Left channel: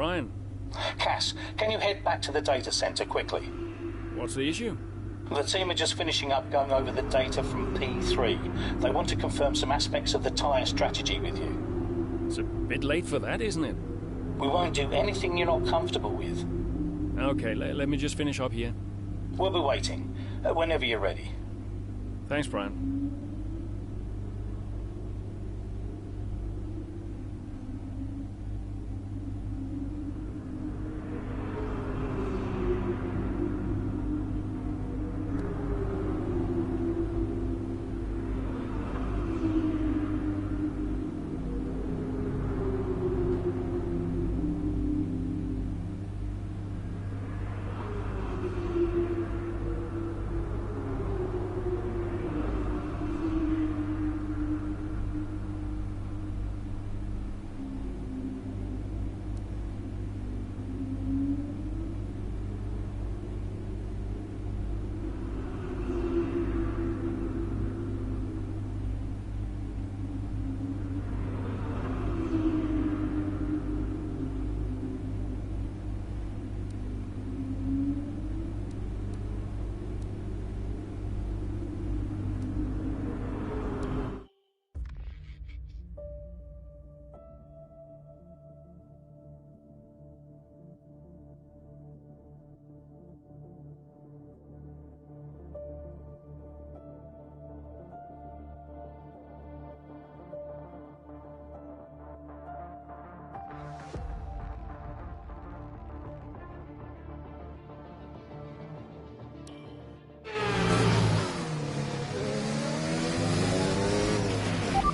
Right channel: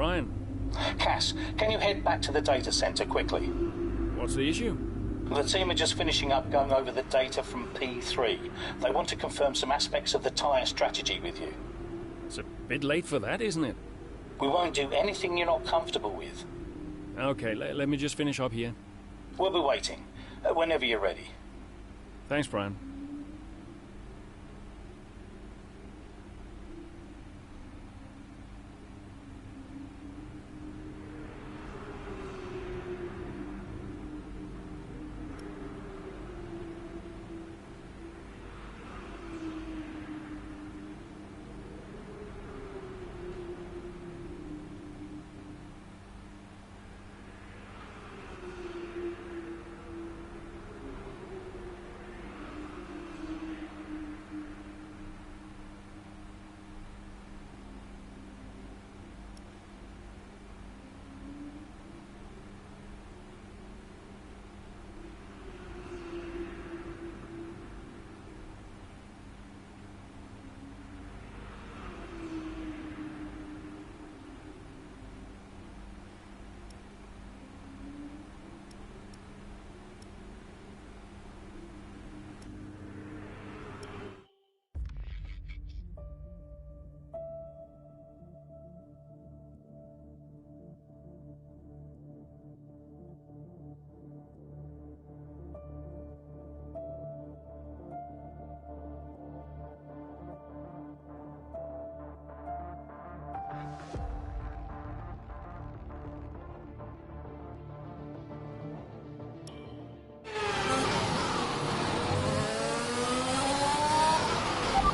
Brian. Cass, can you head back to the data center quickly? What's the issue? The team are just finishing up going over the data from P3. They want to confirm some aspects of the tire strategy with you. It's a bit late for that, isn't it? We won't do anything you're not comfortable with. Okay, let me just finish up here. We'll be waiting, whenever you're ready. Thanks, Brian.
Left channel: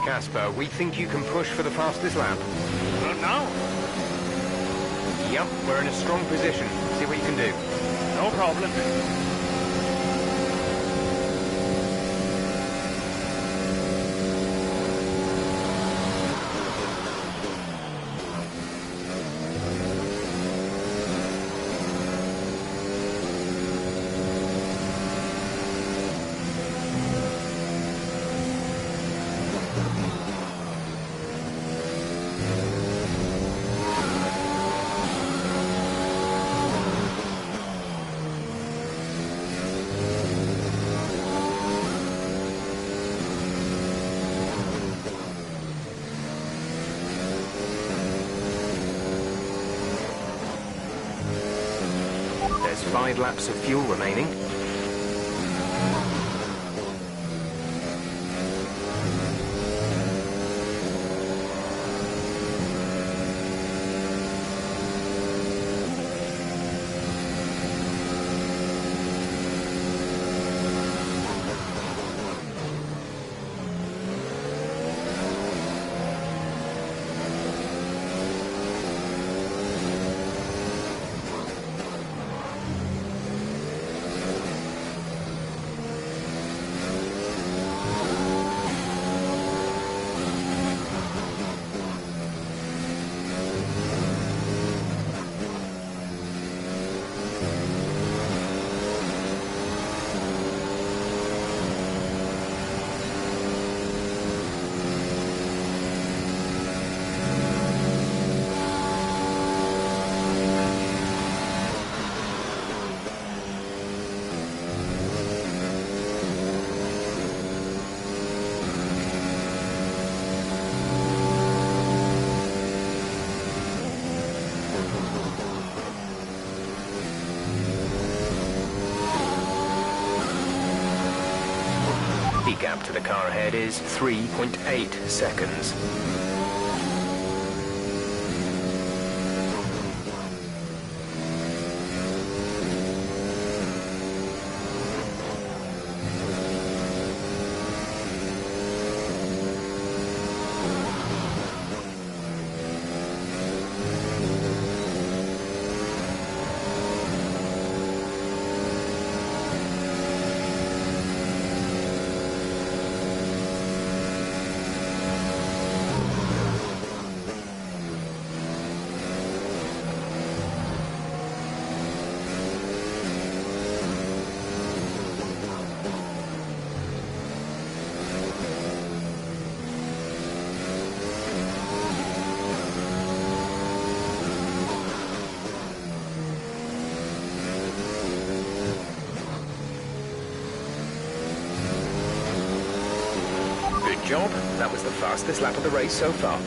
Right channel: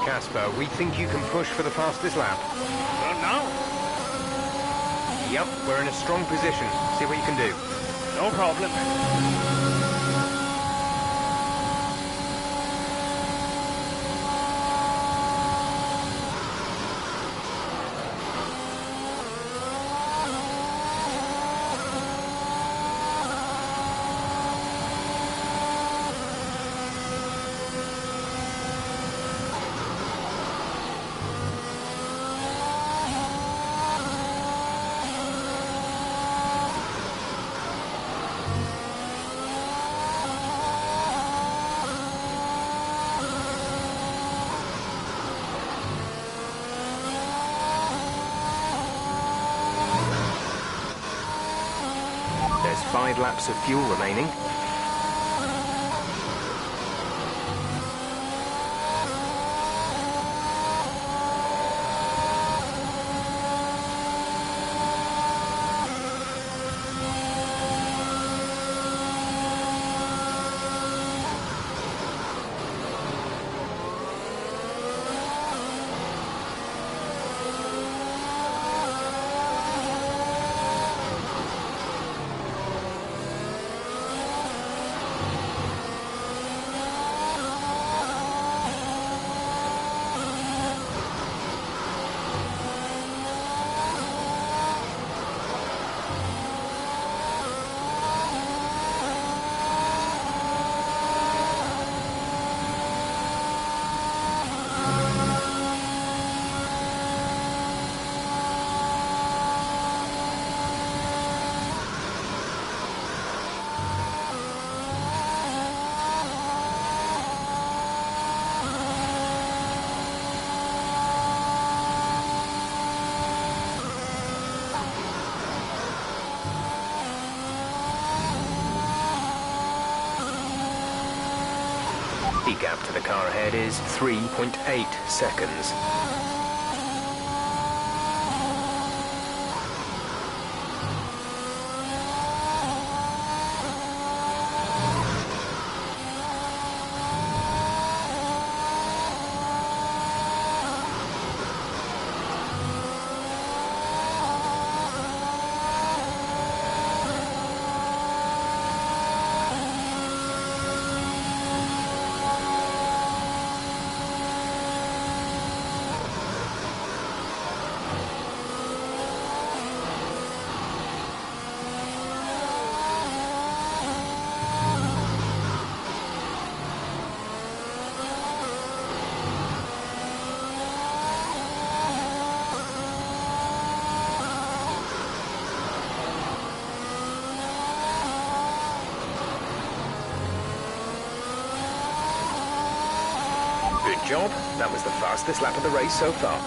Casper, we think you can push for the fastest lap. Now? Yep, we're in a strong position. See what you can do. No problem. There's 5 laps of fuel remaining. The gap to the car ahead is 3.8 seconds. job. That was the fastest lap of the race so far.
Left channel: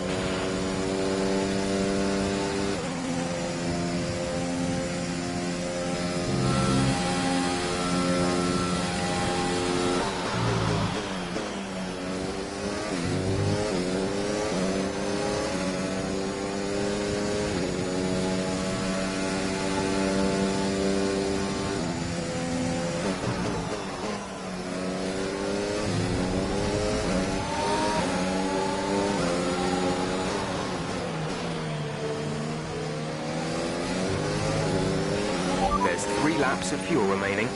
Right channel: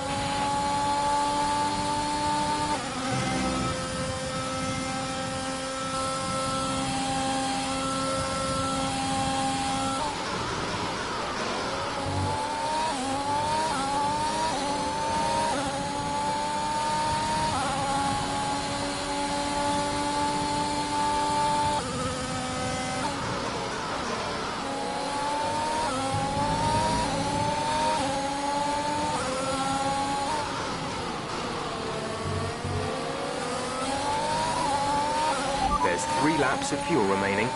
There's 3 laps of fuel remaining.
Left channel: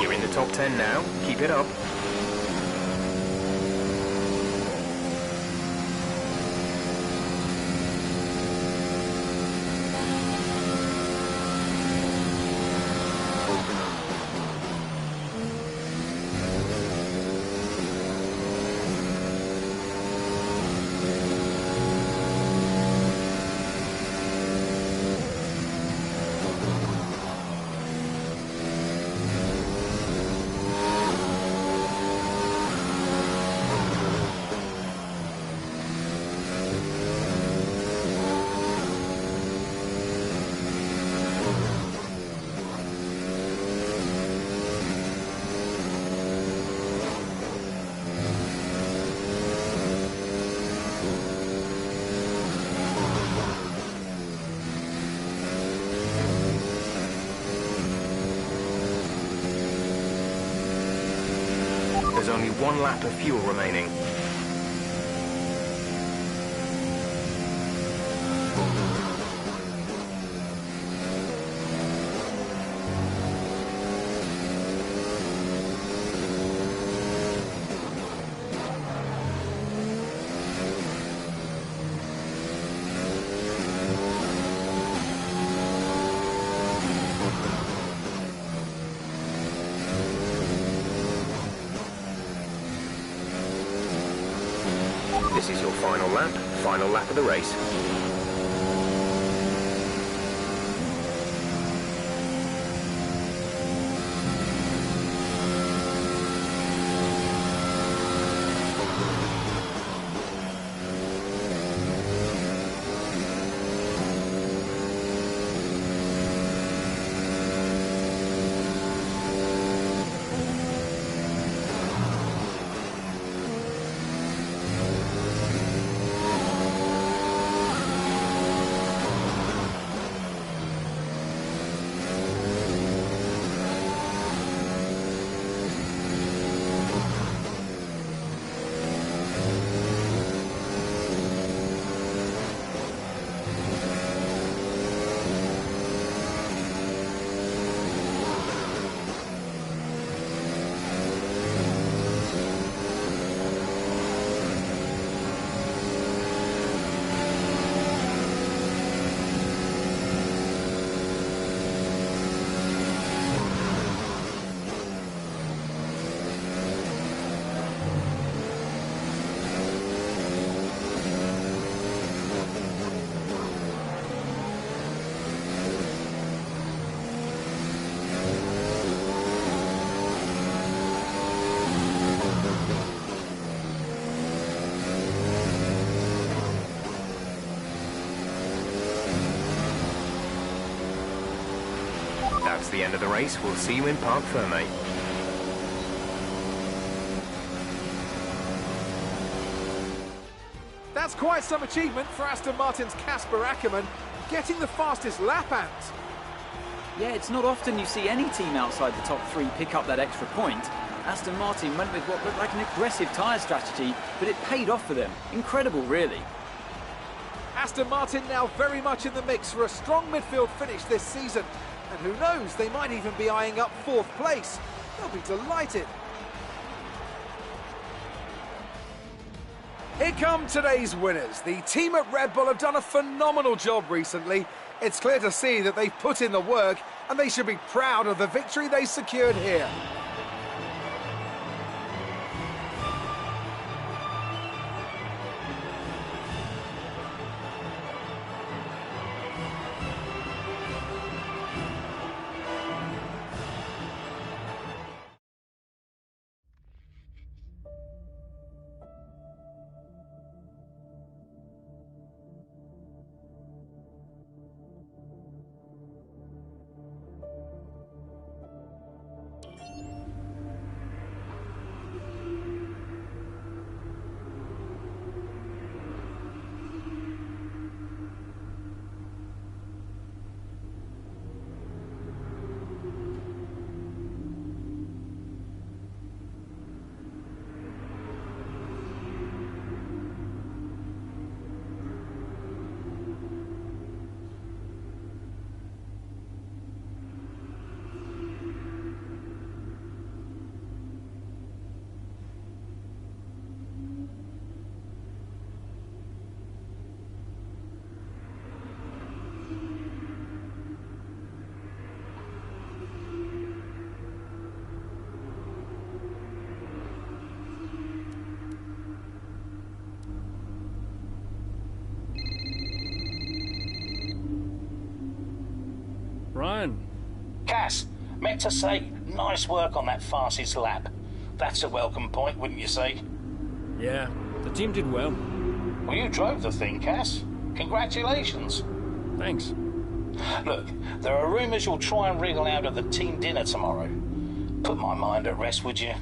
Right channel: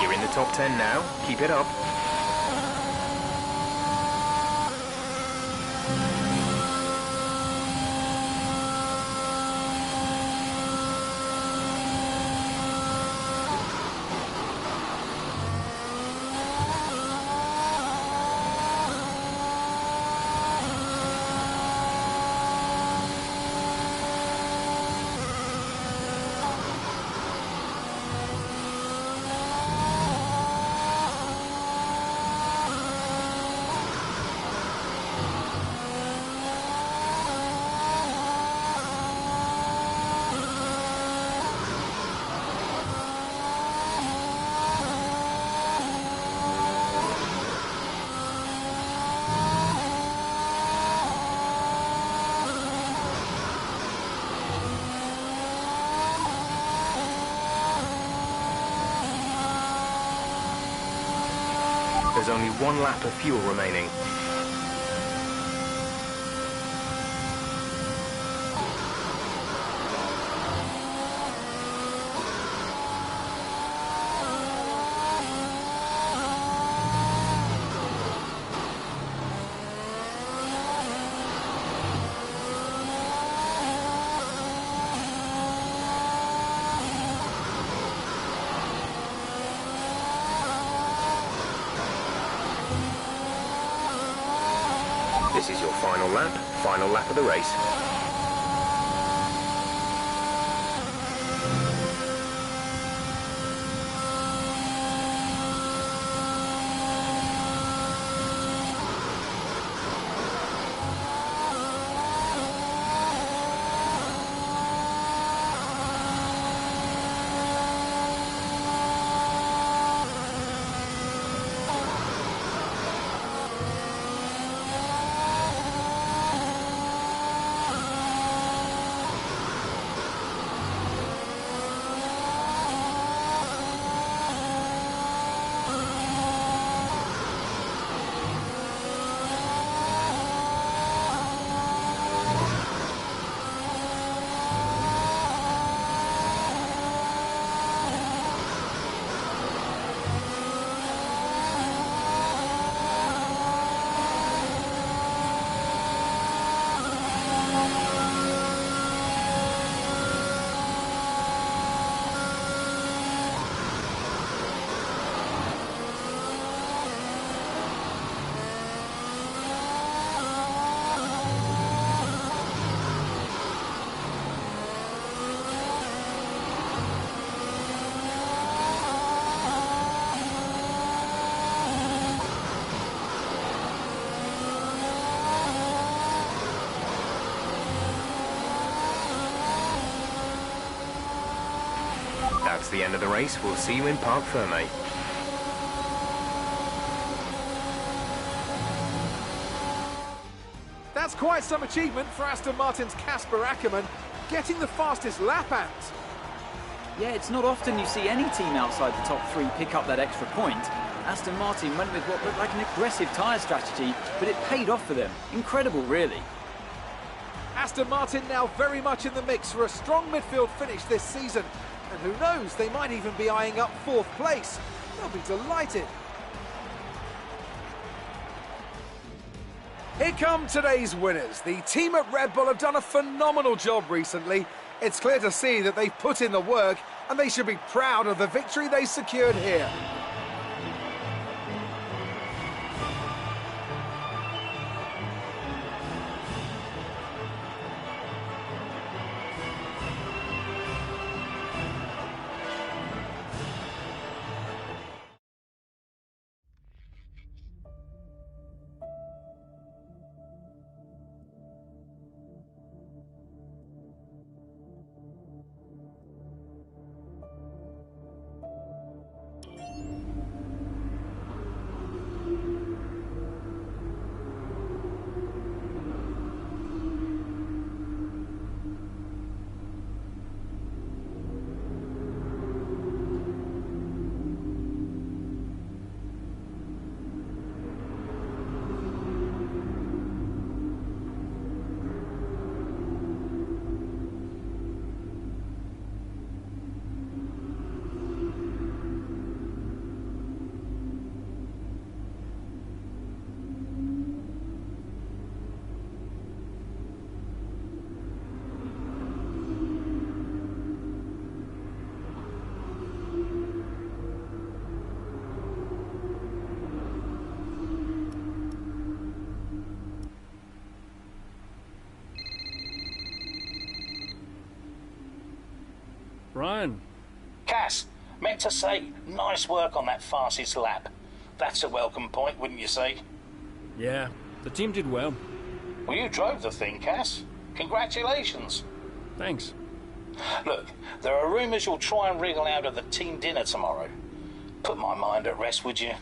You're in the top 10 now. Keep it up. There's only 1 lap of fuel remaining. This is your final lap of the race. That's the end of the race. We'll see you in Parc Fermé. That's That's quite some achievement for Aston Martin's Casper Ackermann, getting the fastest lap out. Yeah, it's not often you see any team outside the top three pick up that extra point. Aston Martin went with what looked like an aggressive tyre strategy, but it paid off for them. Incredible, really. Aston Martin now very much in the mix for a strong midfield finish this season. And who knows, they might even be eyeing up 4th place. They'll be delighted. Here come today's winners. The team at Red Bull have done a phenomenal job recently. It's clear to see that they've put in the work, and they should be proud of the victory they secured here. Brian. Cass, meant to say, nice work on that fastest lap. That's a welcome point, wouldn't you say? Yeah, the team did well. Well, you drove the thing, Cass. Congratulations. Thanks. Look, there are rumours you'll try and wriggle out of the team dinner tomorrow. Put my mind at rest, would you?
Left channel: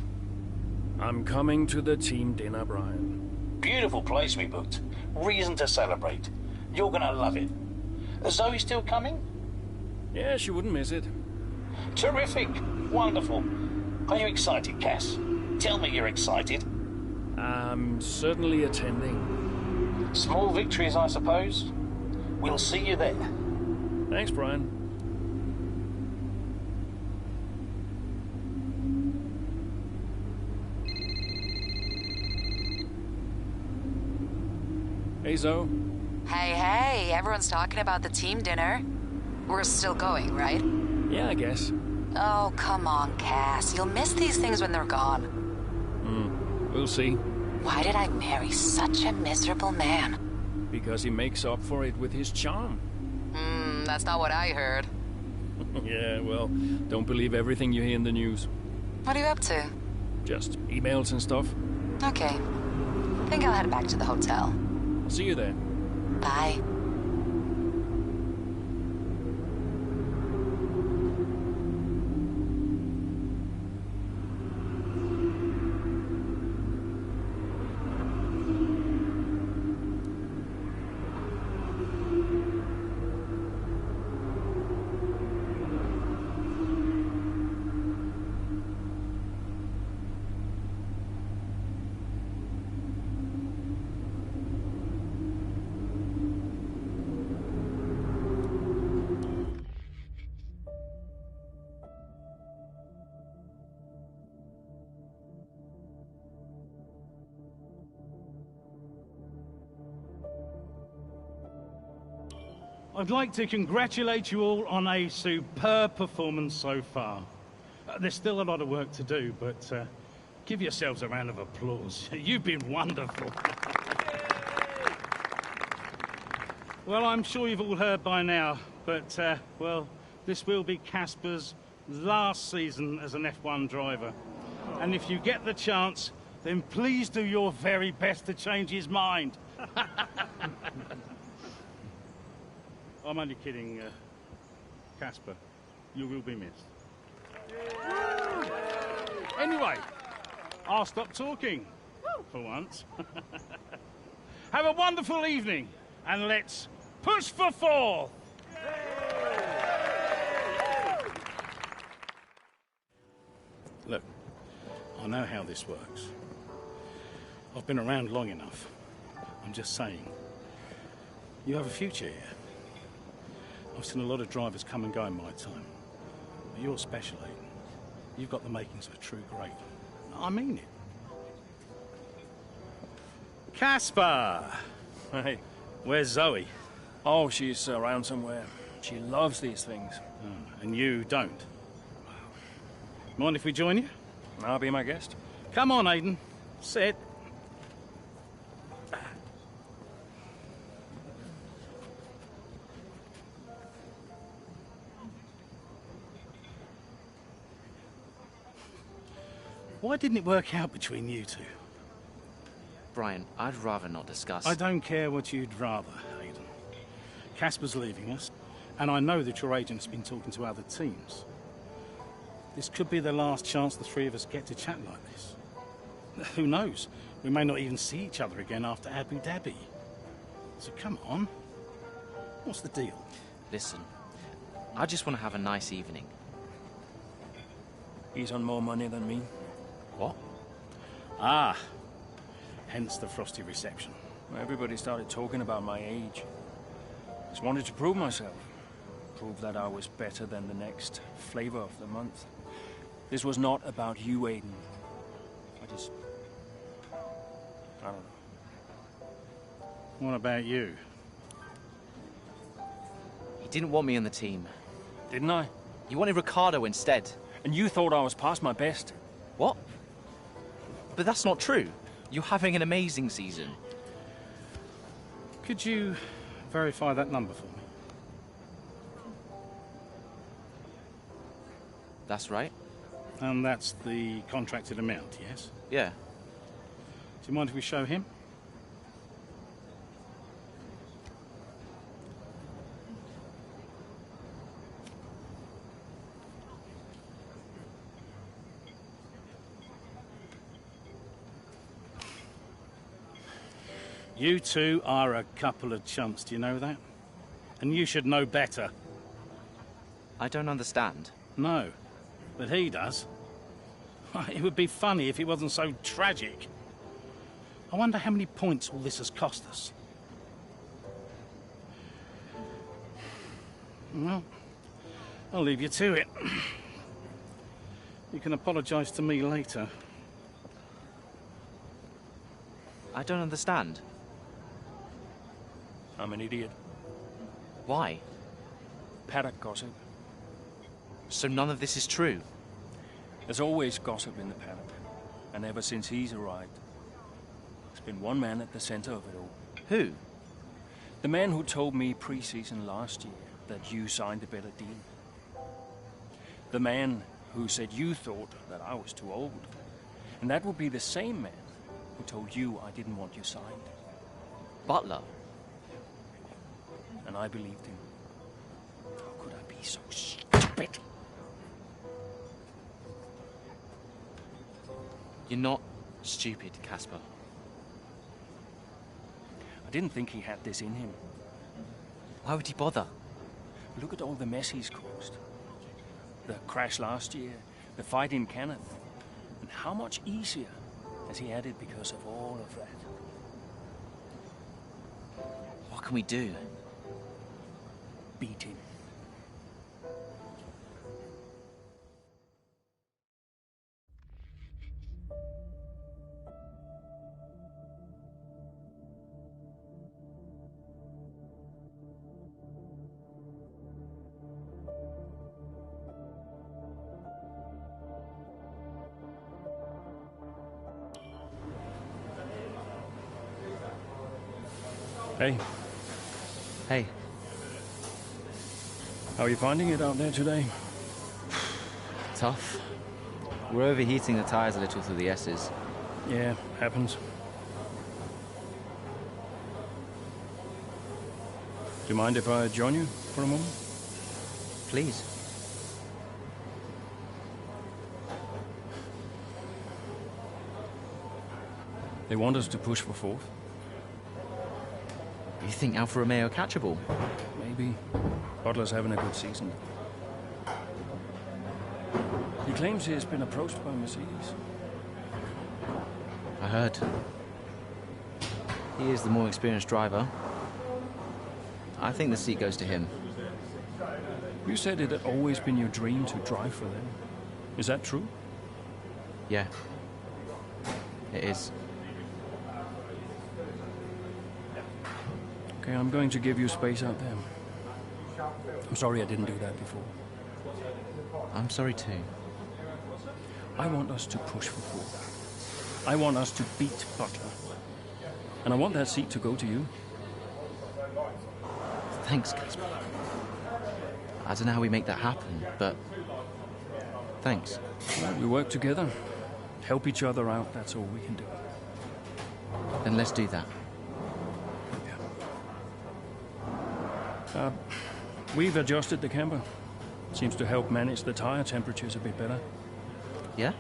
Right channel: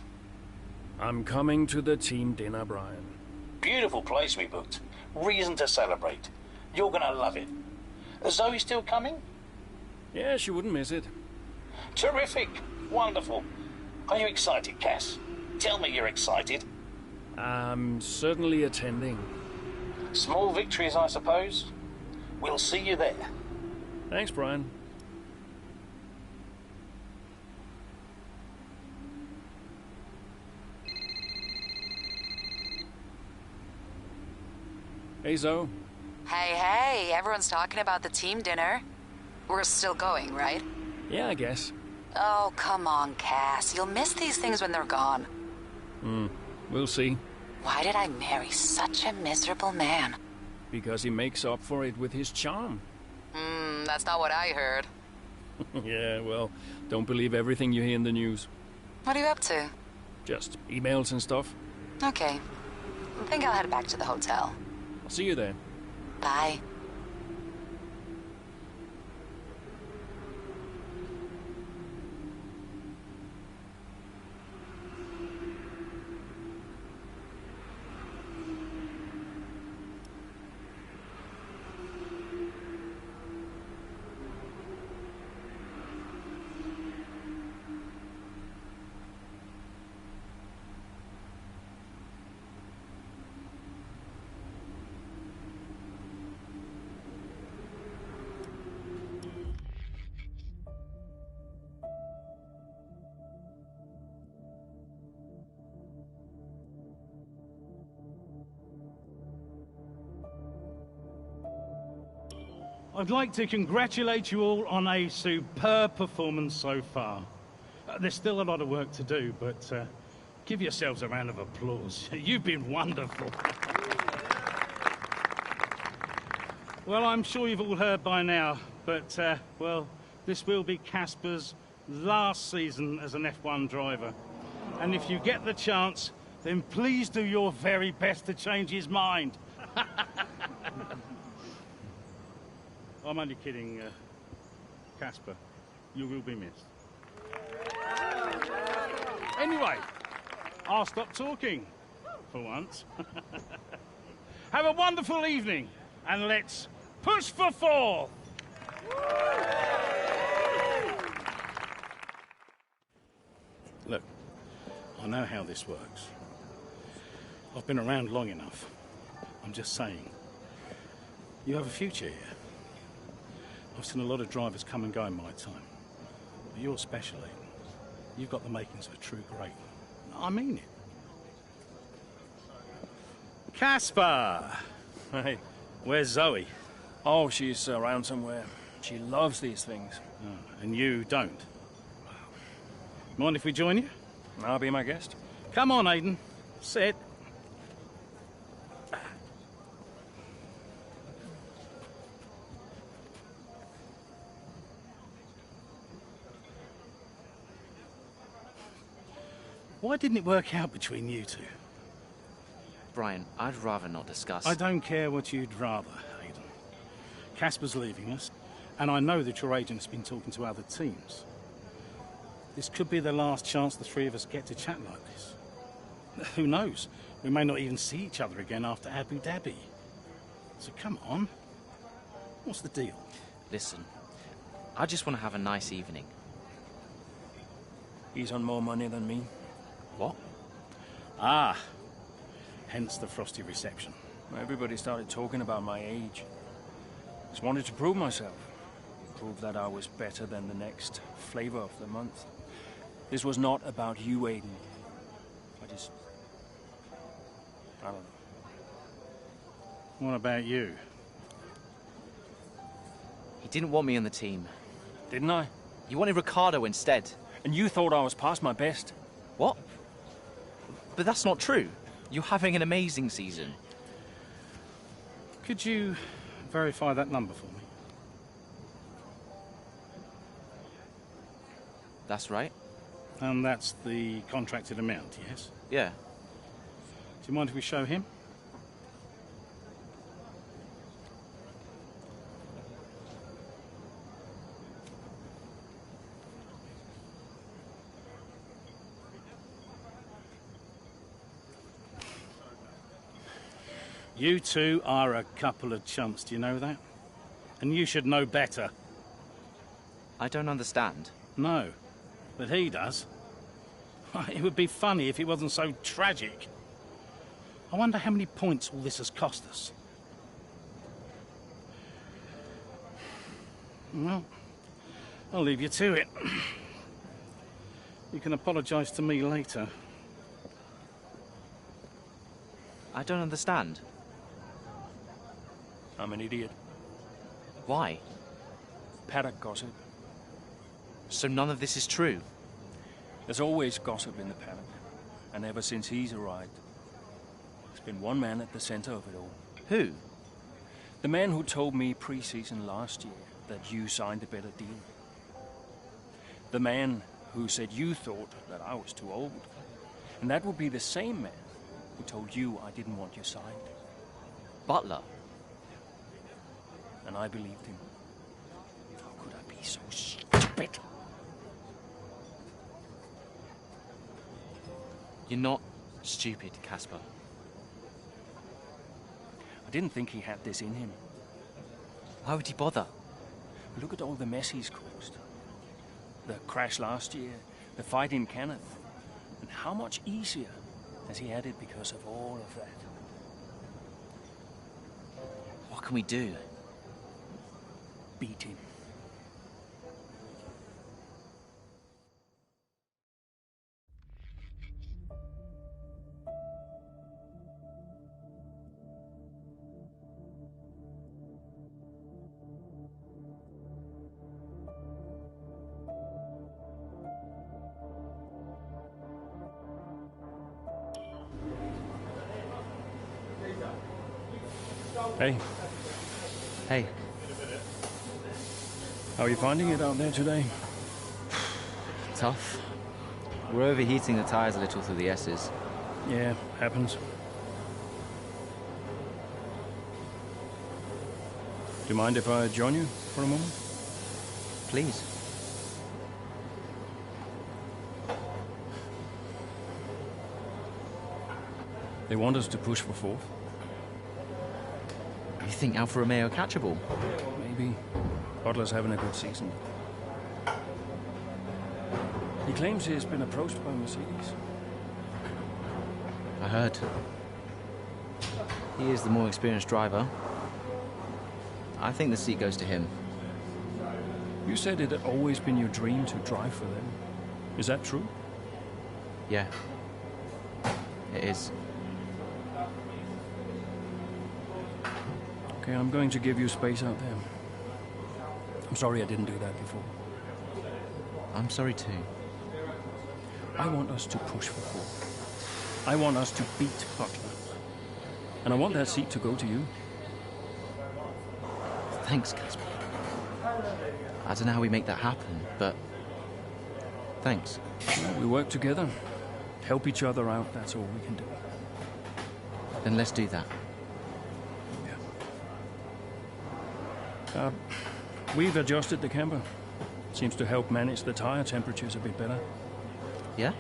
I'm coming to the team dinner, Brian. Beautiful place we booked. Reason to celebrate. You're gonna love it. Is Zoe still coming? Yeah, she wouldn't miss it. Terrific. Wonderful. Are you excited, Cass? Tell me you're excited. I'm certainly attending. Small victories, I suppose. We'll see you there. Thanks, Brian. Hey, Zoe. Hey, everyone's talking about the team dinner. We're still going, right? Yeah, I guess. Oh, come on, Cass. You'll miss these things when they're gone. We'll see. Why did I marry such a miserable man? Because he makes up for it with his charm. That's not what I heard. Yeah, well, don't believe everything you hear in the news. What are you up to? Just emails and stuff. Okay. I think I'll head back to the hotel. I'll see you there. Bye. I'd like to congratulate you all on a superb performance so far. There's still a lot of work to do, but give yourselves a round of applause. You've been wonderful. Well, I'm sure you've all heard by now, but, well, this will be Casper's last season as an F1 driver. And if you get the chance, then please do your very best to change his mind. I'm only kidding, Casper. You will be missed. Anyway, I'll stop talking, for once. Have a wonderful evening, and let's push for fourth. Look, I know how this works. I've been around long enough. I'm just saying, you have a future here. I've seen a lot of drivers come and go in my time. But you're special, Aiden. You've got the makings of a true great. I mean it. Casper! Hey. Where's Zoe? Oh, she's around somewhere. She loves these things. Oh, and you don't? Mind if we join you? I'll be my guest. Come on, Aiden. Sit. Why didn't it work out between you two? Brian, I'd rather not discuss. I don't care what you'd rather, Aiden. Casper's leaving us, and I know that your agent's been talking to other teams. This could be the last chance the three of us get to chat like this. Who knows? We may not even see each other again after Abu Dhabi. So come on. What's the deal? Listen, I just want to have a nice evening. He's on more money than me. What? Ah. Hence the frosty reception. Everybody started talking about my age. Just wanted to prove myself. Prove that I was better than the next flavor of the month. This was not about you, Aiden. I don't know. What about you? He didn't want me on the team. Didn't I? You wanted Ricardo instead. And you thought I was past my best. What? But that's not true. You're having an amazing season. Could you verify that number for me? That's right. And that's the contracted amount, yes? Yeah. Do you mind if we show him? You two are a couple of chumps, do you know that? And you should know better. I don't understand. No, but he does. It would be funny if it wasn't so tragic. I wonder how many points all this has cost us. Well, I'll leave you to it. You can apologise to me later. I don't understand. I'm an idiot. Why? Paddock gossip. So none of this is true? There's always gossip in the paddock. And ever since he's arrived, there's been one man at the center of it all. Who? The man who told me pre-season last year that you signed a better deal. The man who said you thought that I was too old. And that would be the same man who told you I didn't want you signed. Butler? And I believed him. How could I be so stupid? You're not stupid, Casper. I didn't think he had this in him. Why would he bother? Look at all the mess he's caused. The crash last year, the fight in Canada. And how much easier has he had it because of all of that? What can we do? Beat him. Hey, Hey, how are you finding it out there today? tough. We're overheating the tires a little through the S's. Yeah, happens. Do you mind if I join you for a moment? Please. They want us to push for fourth. You think Alfa Romeo are catchable? Maybe. Butler's having a good season. He claims he has been approached by Mercedes. I heard. He is the more experienced driver. I think the seat goes to him. You said it had always been your dream to drive for them. Is that true? Yeah. It is. Okay, I'm going to give you space out there. I'm sorry I didn't do that before. I'm sorry too. I want us to push for fourth. I want us to beat Butler. And I want that seat to go to you. Thanks, Casper. I don't know how we make that happen, but thanks. Well, we work together. Help each other out, that's all we can do. Then let's do that. Yeah. We've adjusted the camber. Seems to help manage the tire temperatures a bit better. Yeah?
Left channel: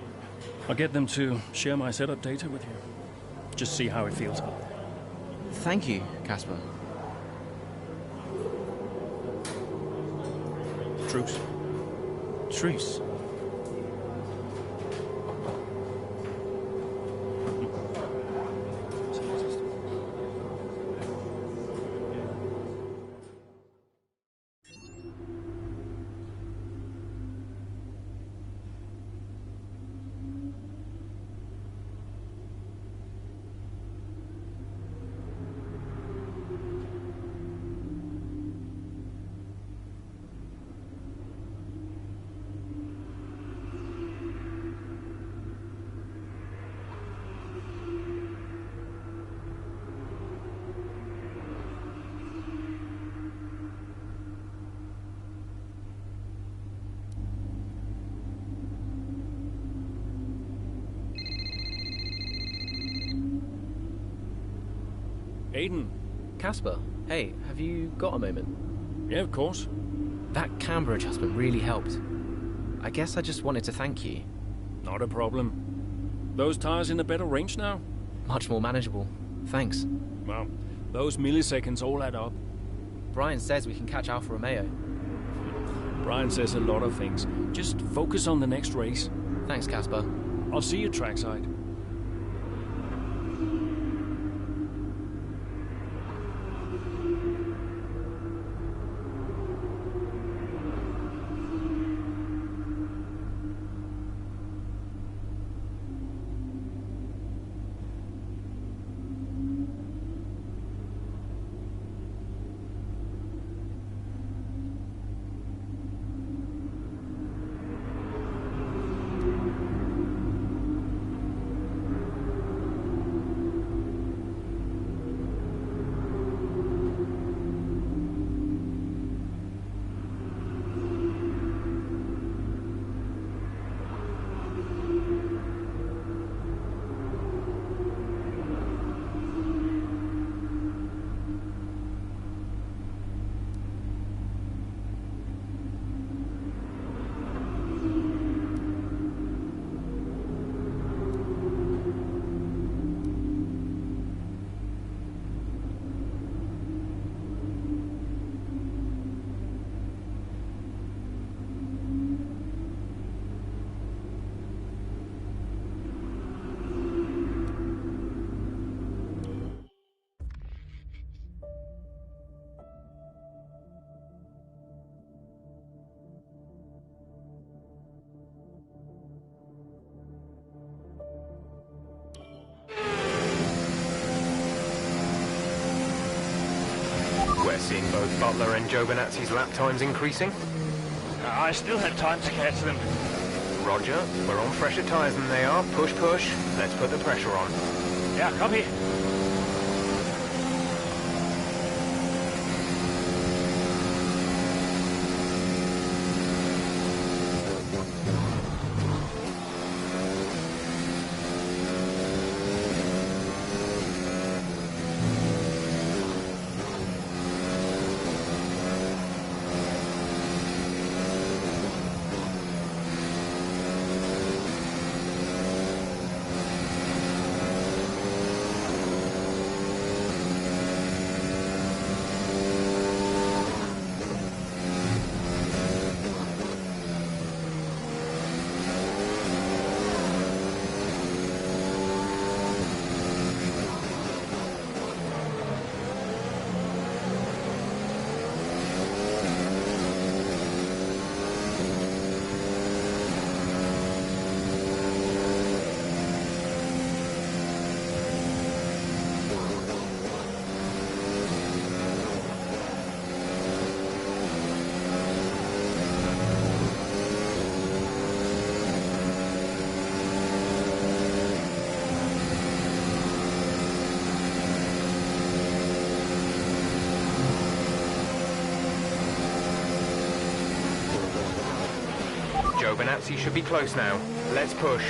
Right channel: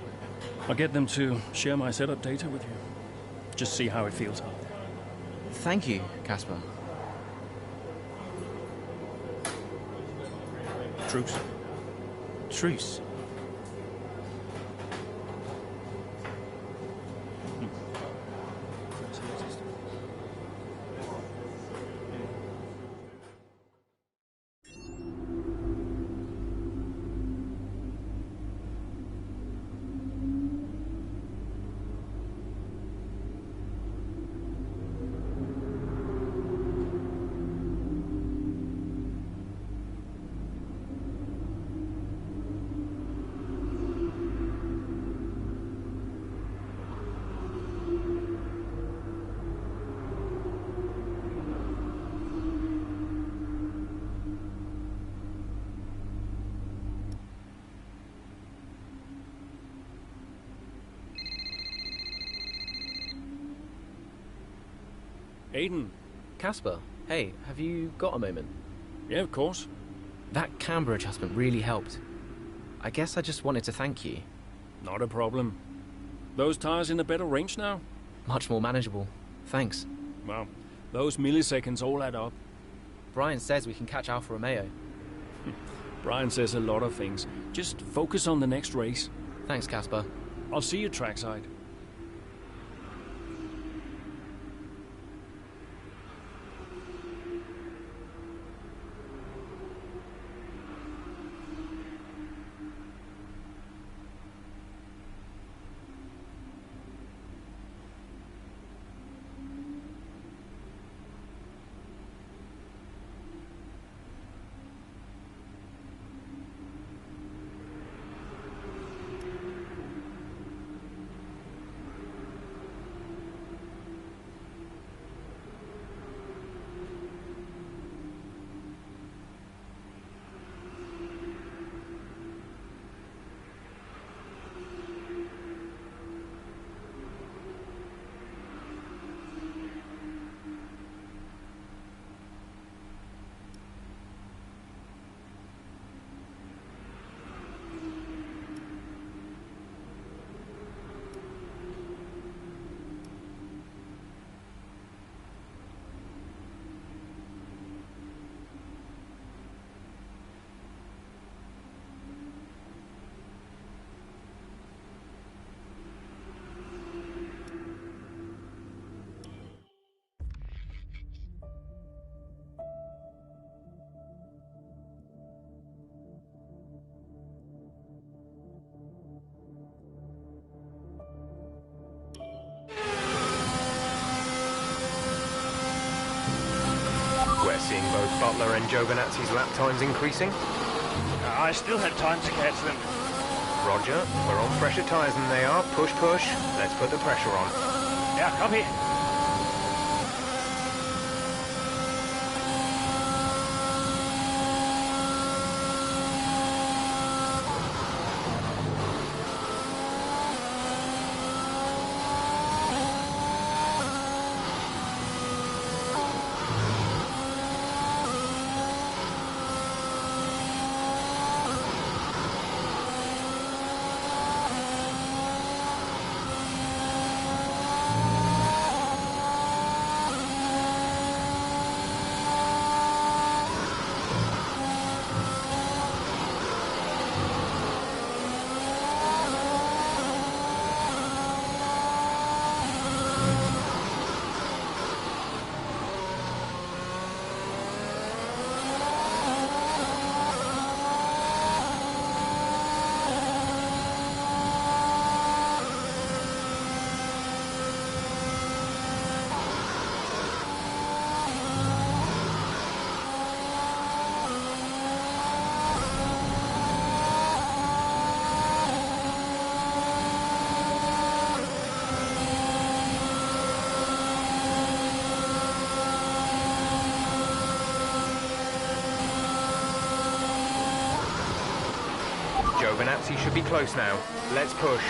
I'll get them to share my setup data with you. Just see how it feels out there. Thank you, Casper. Truce. Truce. Aiden. Casper, hey, have you got a moment? Yeah, of course. That camber adjustment really helped. I guess I just wanted to thank you. Not a problem. Those tires in a better range now? Much more manageable. Thanks. Well, those milliseconds all add up. Brian says we can catch Alfa Romeo. Brian says a lot of things. Just focus on the next race. Thanks, Casper. I'll see you trackside. We're seeing both Butler and Giovinazzi's lap times increasing. I still have time to catch them. Roger, we're on fresher tyres than they are. Push, push. Let's put the pressure on. Yeah, copy. Giovinazzi should be close now. Let's push.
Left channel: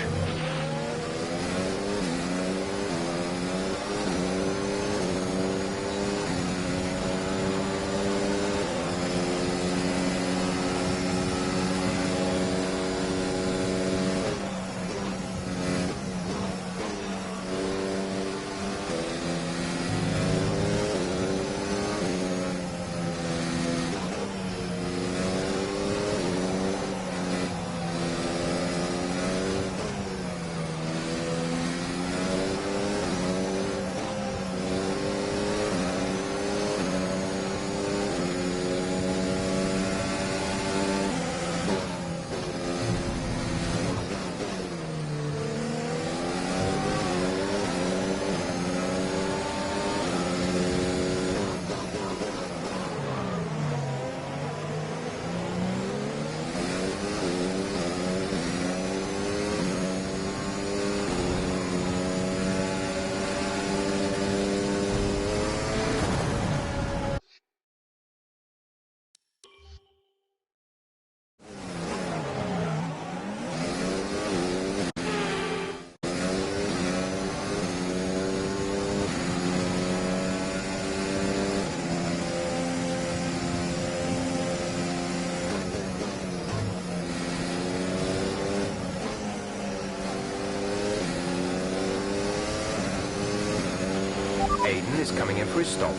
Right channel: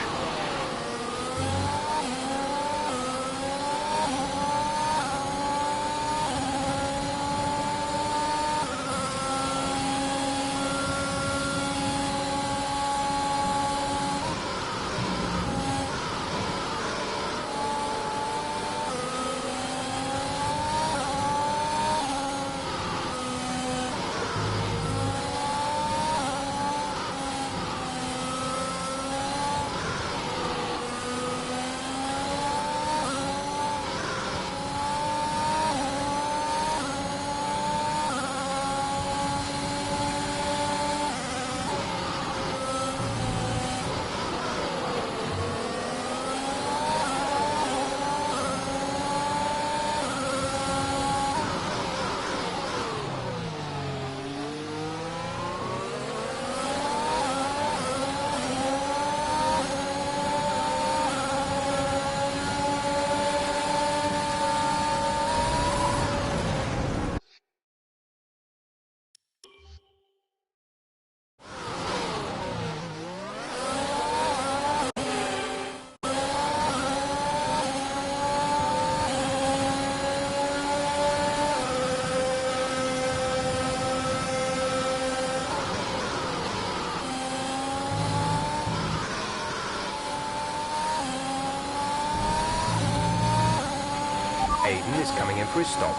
Aiden is coming in for his stop.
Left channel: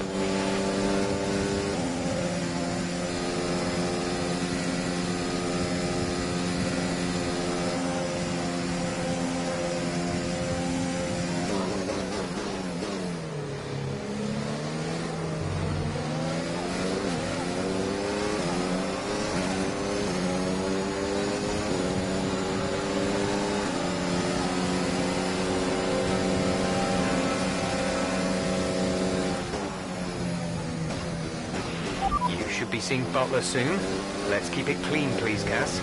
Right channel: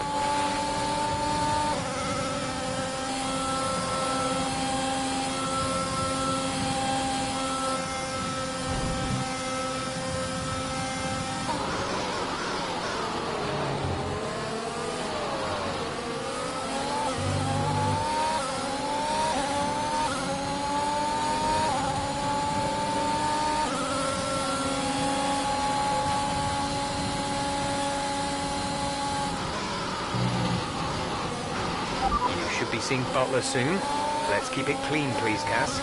Should be seeing Butler soon. Let's keep it clean, please, Cass.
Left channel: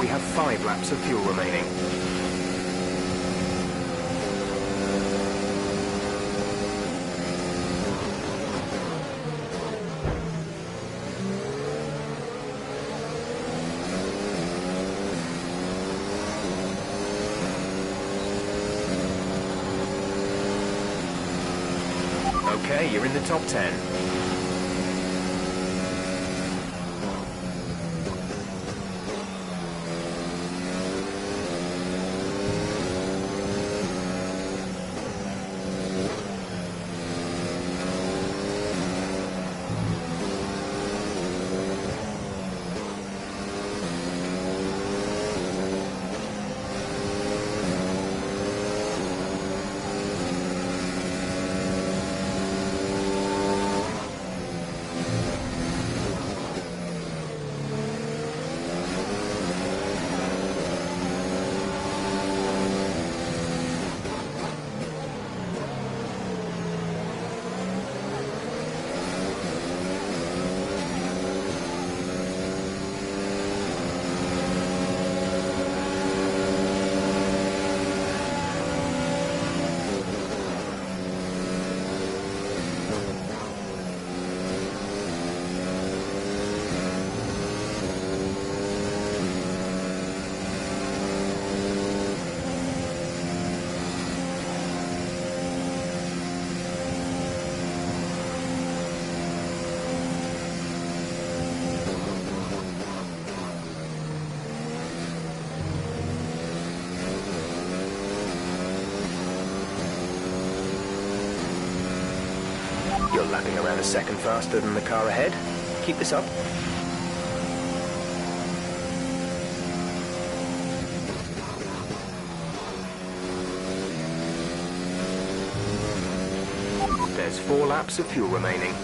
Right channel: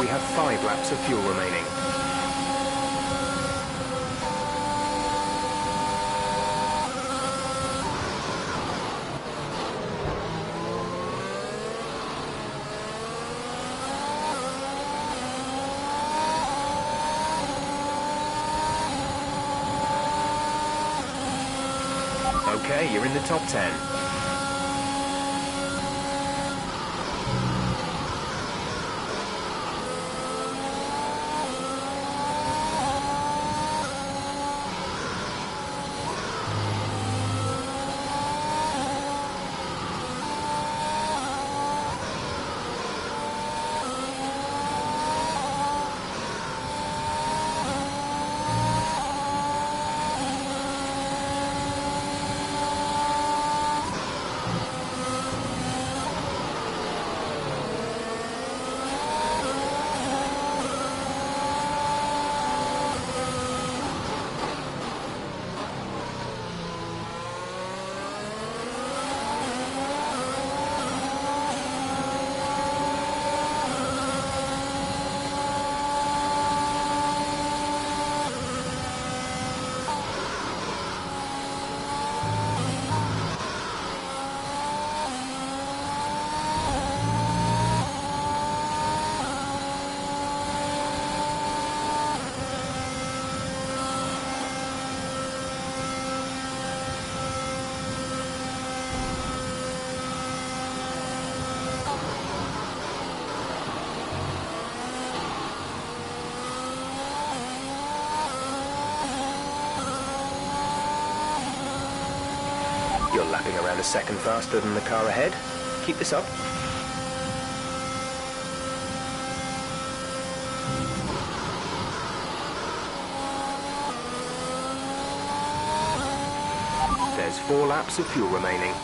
We have 5 laps of fuel remaining. Okay, you're in the top 10. You're lapping around a second faster than the car ahead. Keep this up. There's 4 laps of fuel remaining.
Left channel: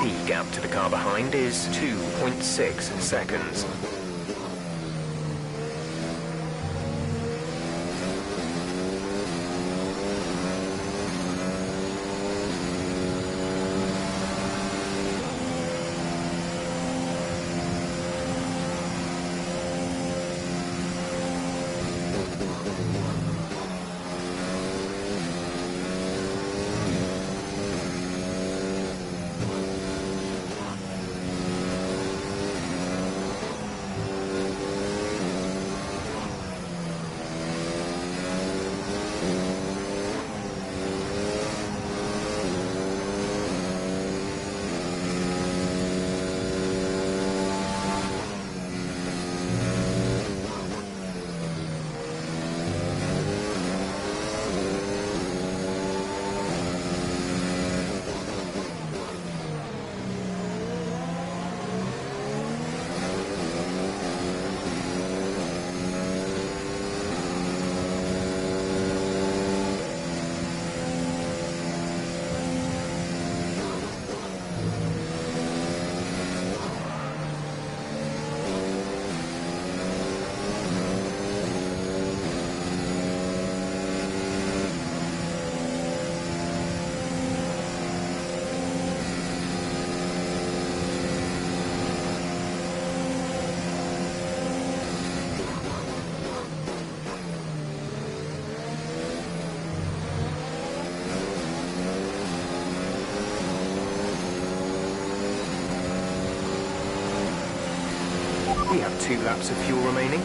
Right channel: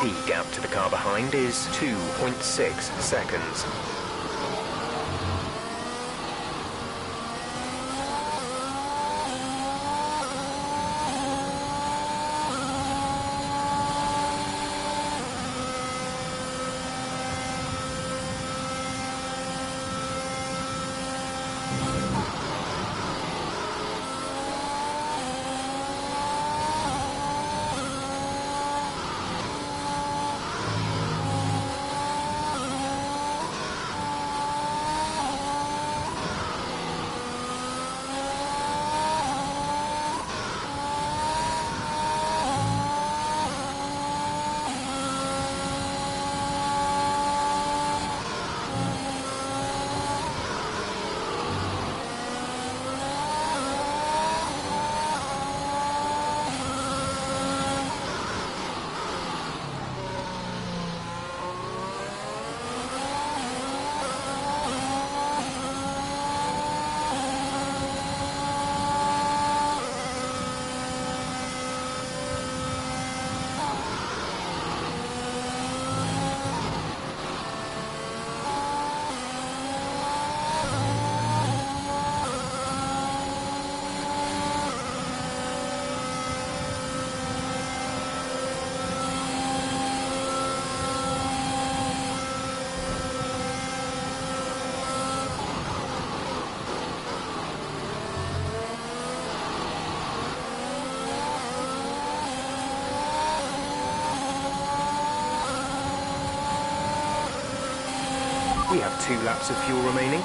The gap to the car behind is 2.6 seconds. We have 2 laps of fuel remaining.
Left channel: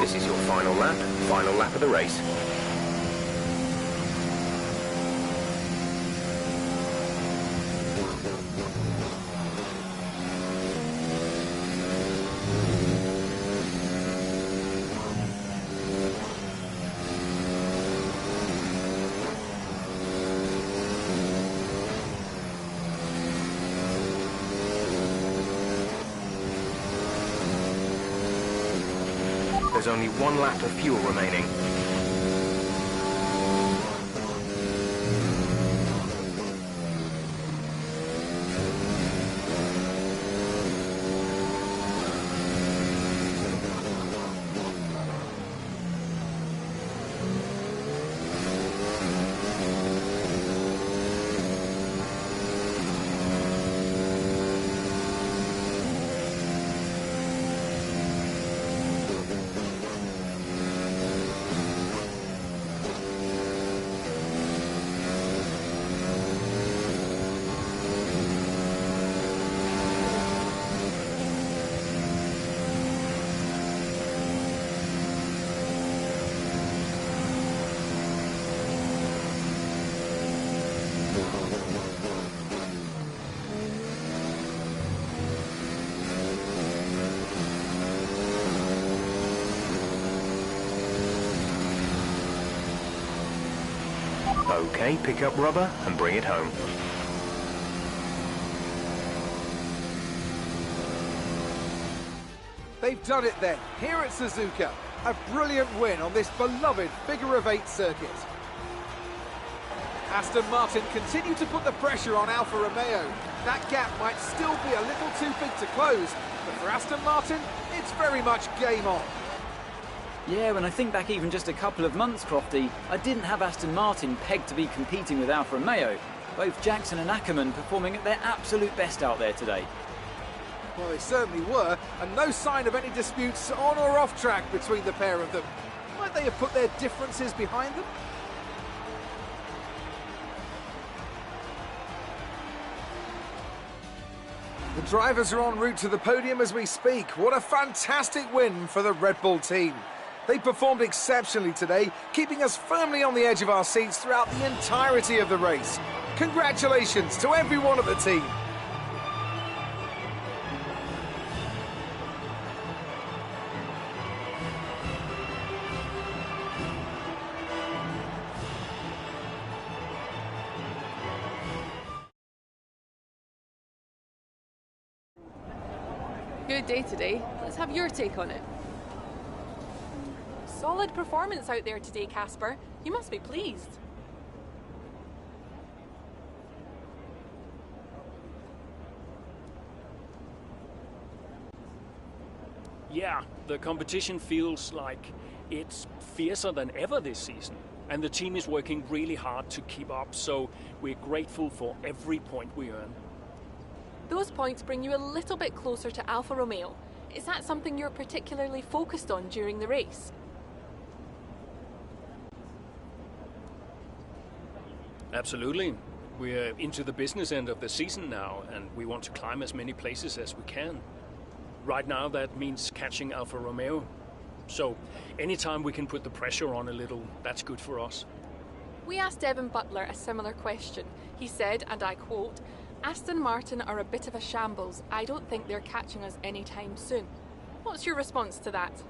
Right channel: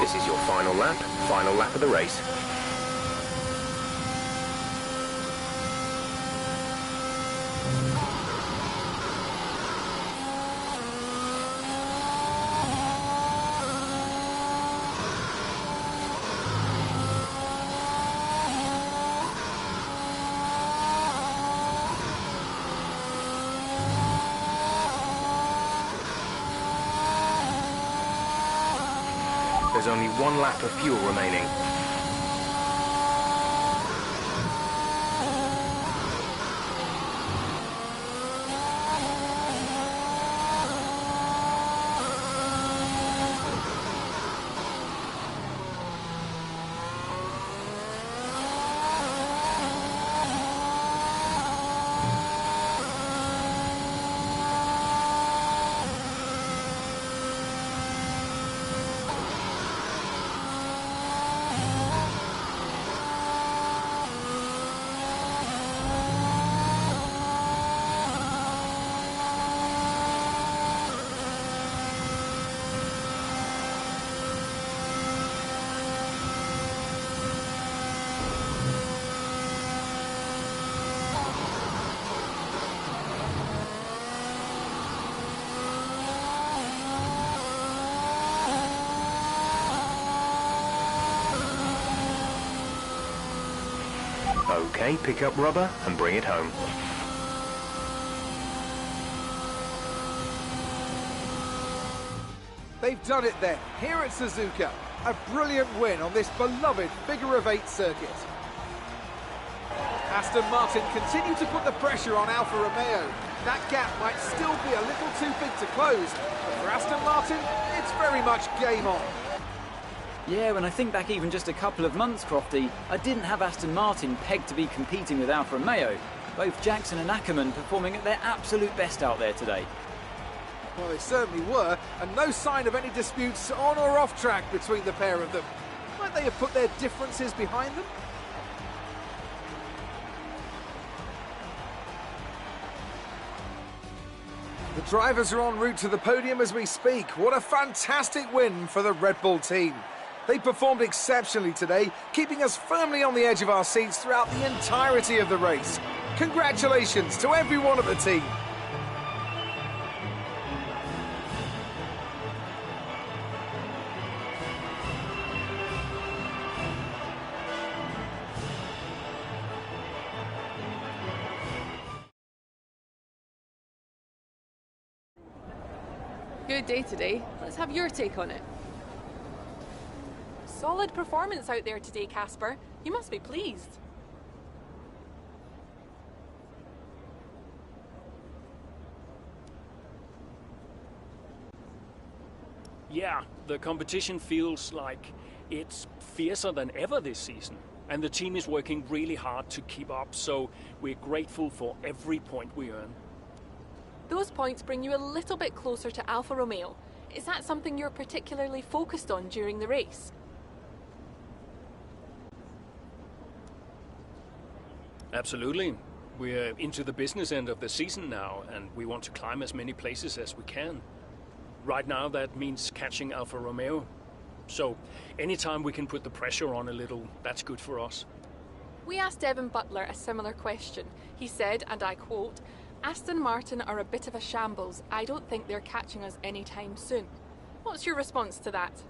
This is your final lap of the race. There's only 1 lap of fuel remaining. Okay, pick up rubber and bring it home. They've done it then, here at Suzuka. A brilliant win on this beloved figure-of-8 circuit. Aston Martin continue to put the pressure on Alfa Romeo. That gap might still be a little too big to close, but for Aston Martin, it's very much game on. Yeah, when I think back even just a couple of months, Crofty, I didn't have Aston Martin pegged to be competing with Alfa Romeo. Both Jackson and Ackerman performing at their absolute best out there today. Well, they certainly were, and no sign of any disputes on or off track between the pair of them. Might they have put their differences behind them? The drivers are en route to the podium as we speak. What a fantastic win for the Red Bull team. They performed exceptionally today, keeping us firmly on the edge of our seats throughout the entirety of the race. Congratulations to everyone at the team. Good day today. Let's have your take on it. Solid performance out there today, Casper. You must be pleased. Yeah, the competition feels like it's fiercer than ever this season. And the team is working really hard to keep up, so we're grateful for every point we earn. Those points bring you a little bit closer to Alfa Romeo. Is that something you're particularly focused on during the race? Absolutely. We're into the business end of the season now, and we want to climb as many places as we can. Right now, that means catching Alfa Romeo. So, anytime we can put the pressure on a little, that's good for us. We asked Devin Butler a similar question. He said, and I quote, "Aston Martin are a bit of a shambles. I don't think they're catching us anytime soon." What's your response to that?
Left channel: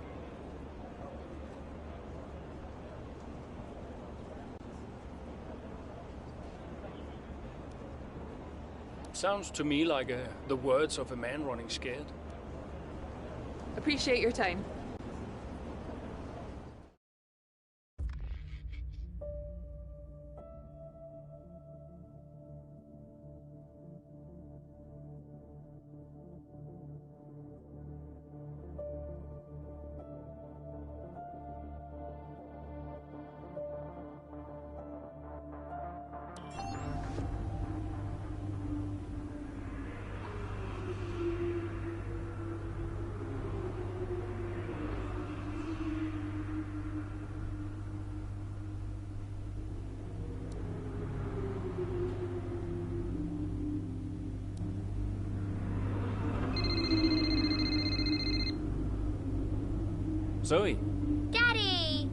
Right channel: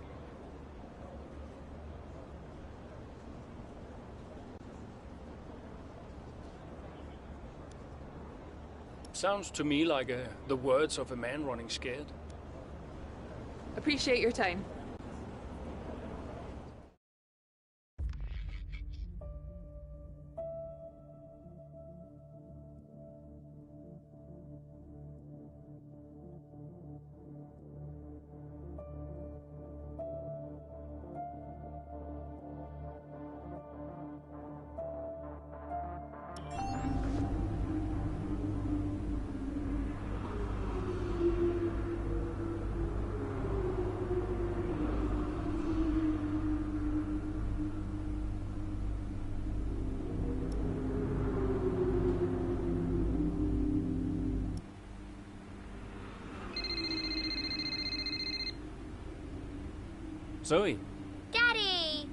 Sounds to me like the words of a man running scared. Appreciate your time. Zoe. Daddy!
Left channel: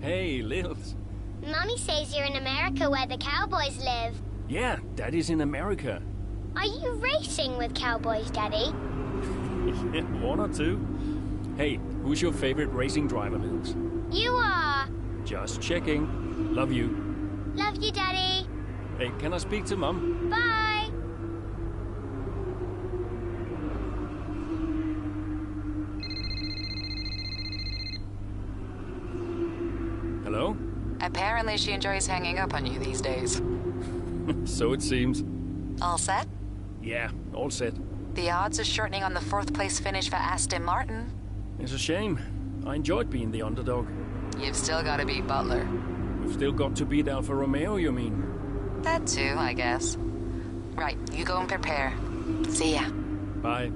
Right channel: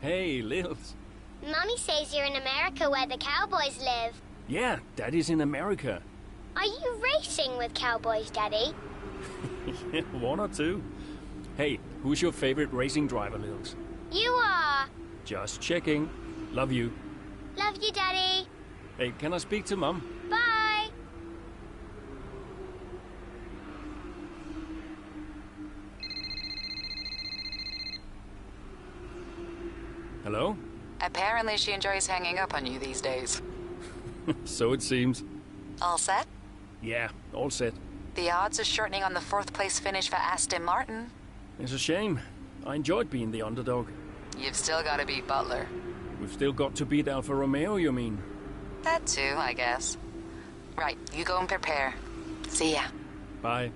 Hey, Lils. Mummy says you're in America where the cowboys live. Yeah, Daddy's in America. Are you racing with cowboys, Daddy? Yeah, 1 or 2. Hey, who's your favorite racing driver, Lils? You are. Just checking. Love you. Love you, Daddy. Hey, can I speak to Mum? Bye. Hello? Apparently she enjoys hanging up on you these days. So it seems. All set? Yeah, all set. The odds are shortening on the 4th place finish for Aston Martin. It's a shame. I enjoyed being the underdog. You've still got to beat Butler. We've still got to beat Alfa Romeo, you mean? That too, I guess. Right, you go and prepare. See ya. Bye.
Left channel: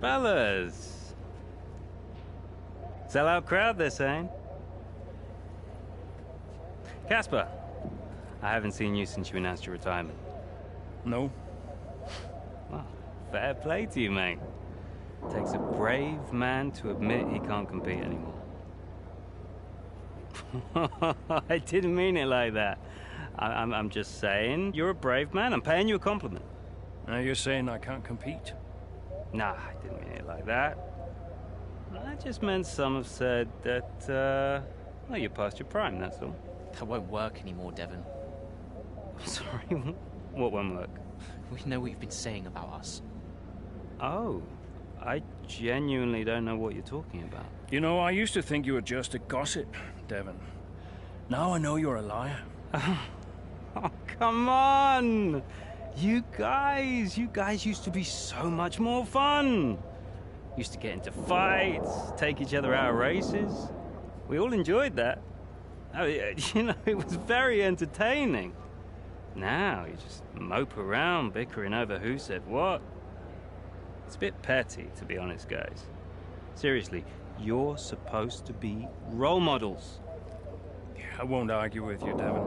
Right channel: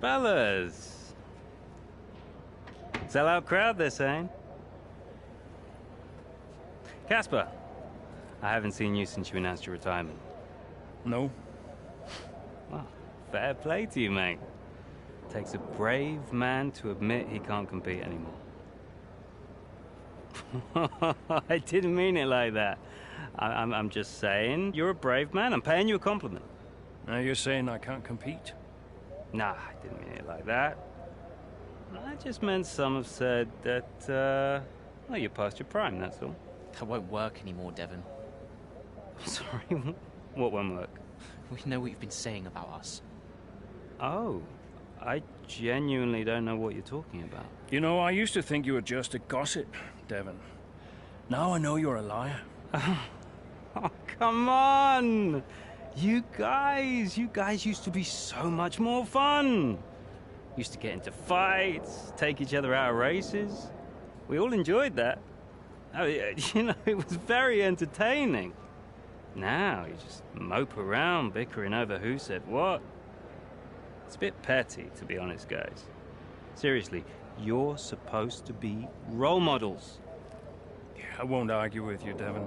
Fellas! Sell-out crowd, they're saying. Casper, I haven't seen you since you announced your retirement. No. Well, fair play to you, mate. Takes a brave man to admit he can't compete anymore. I didn't mean it like that. I'm just saying, you're a brave man. I'm paying you a compliment. Now you're saying I can't compete? Nah, I didn't mean it like that. I just meant some have said that, well, you're past your prime, that's all. That won't work anymore, Devon. Sorry, what won't work? We know what you've been saying about us. Oh, I genuinely don't know what you're talking about. You know, I used to think you were just a gossip, Devon. Now I know you're a liar. Oh, come on! You guys used to be so much more fun. Used to get into fights, take each other out of races. We all enjoyed that. I mean, you know, it was very entertaining. Now you just mope around bickering over who said what. It's a bit petty, to be honest, guys. Seriously, you're supposed to be role models. Yeah, I won't argue with you, Devon.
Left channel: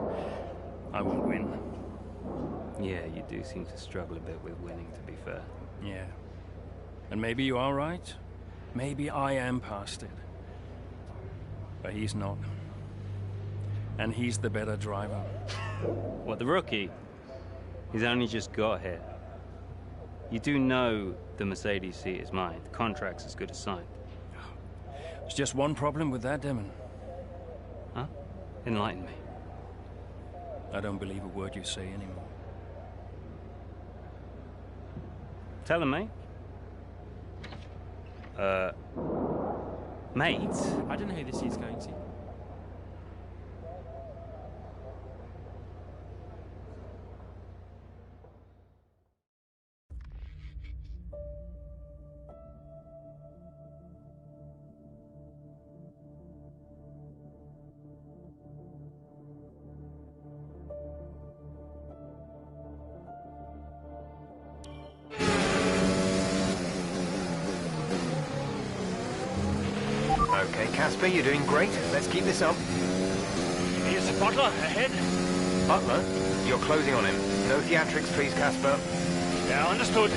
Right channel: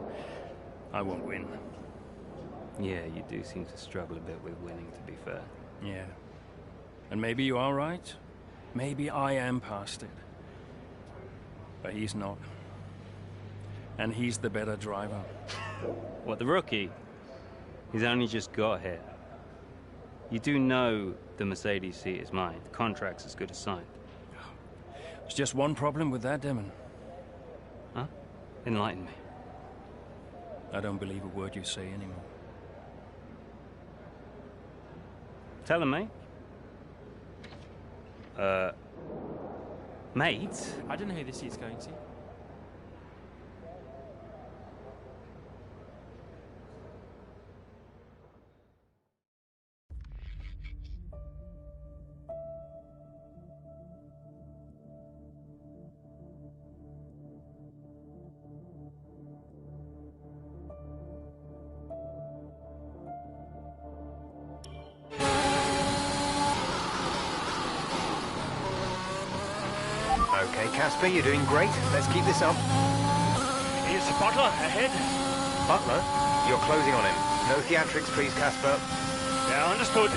I won't win. Yeah, you do seem to struggle a bit with winning, to be fair. Yeah. And maybe you are right. Maybe I am past it. But he's not. And he's the better driver. What, the rookie? He's only just got here. You do know the Mercedes seat is mine. The contract's as good as signed. There's just one problem with that, Demon. Huh? Enlighten me. I don't believe a word you say anymore. Tell him, mate. Mate? I don't know who this is going to. Okay, Casper, you're doing great. Let's keep this up. Here's the Butler ahead. Butler, you're closing on him. No theatrics, please, Casper. Yeah, understood.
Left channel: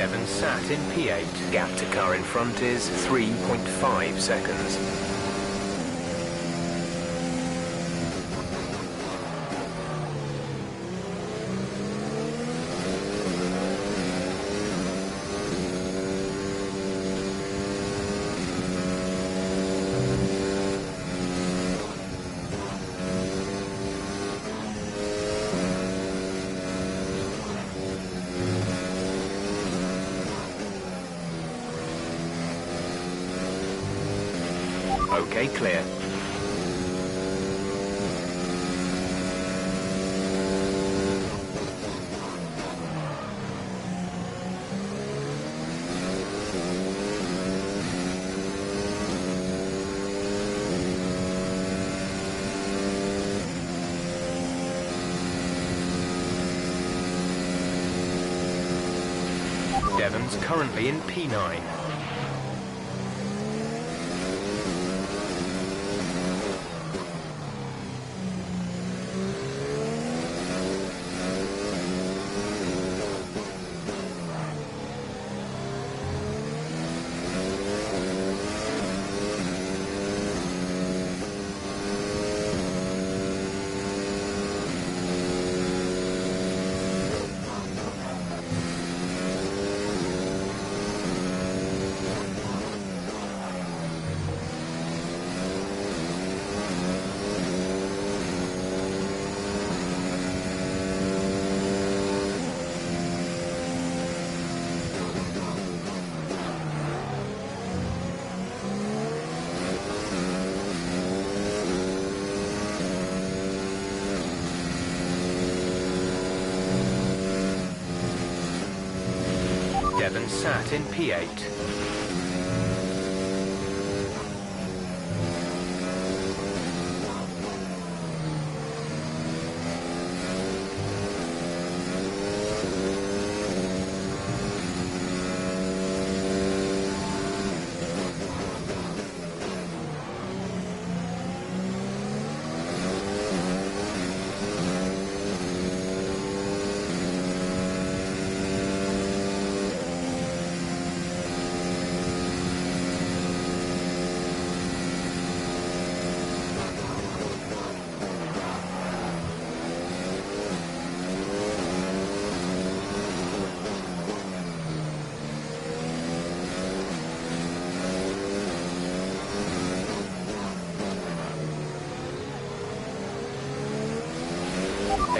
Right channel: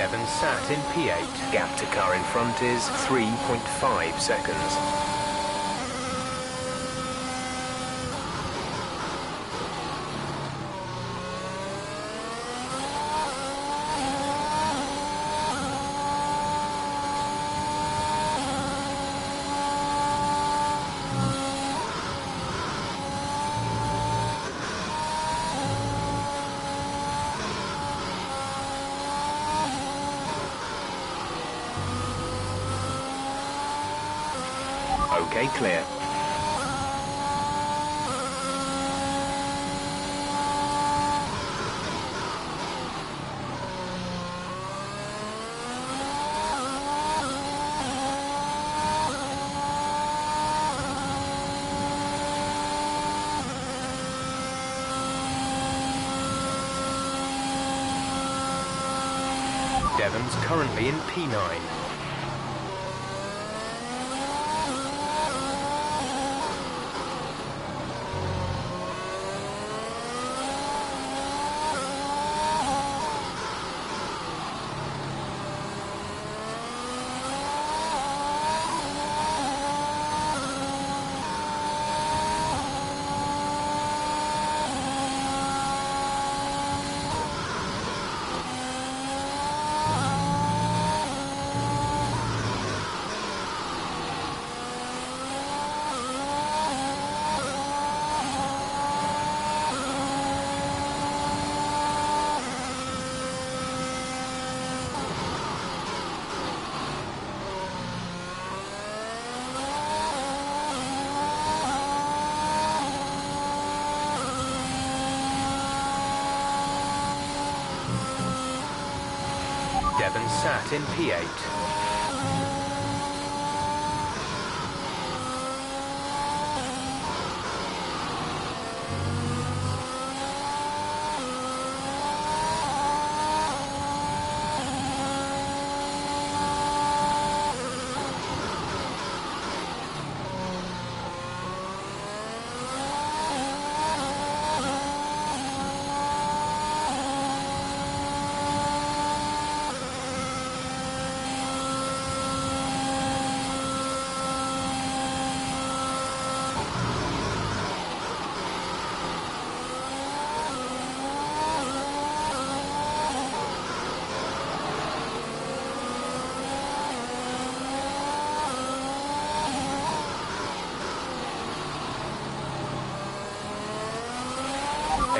Devon sat in P8. Gap to car in front is 3.5 seconds. Okay, clear. Devon's currently in P9. Devon sat in P8.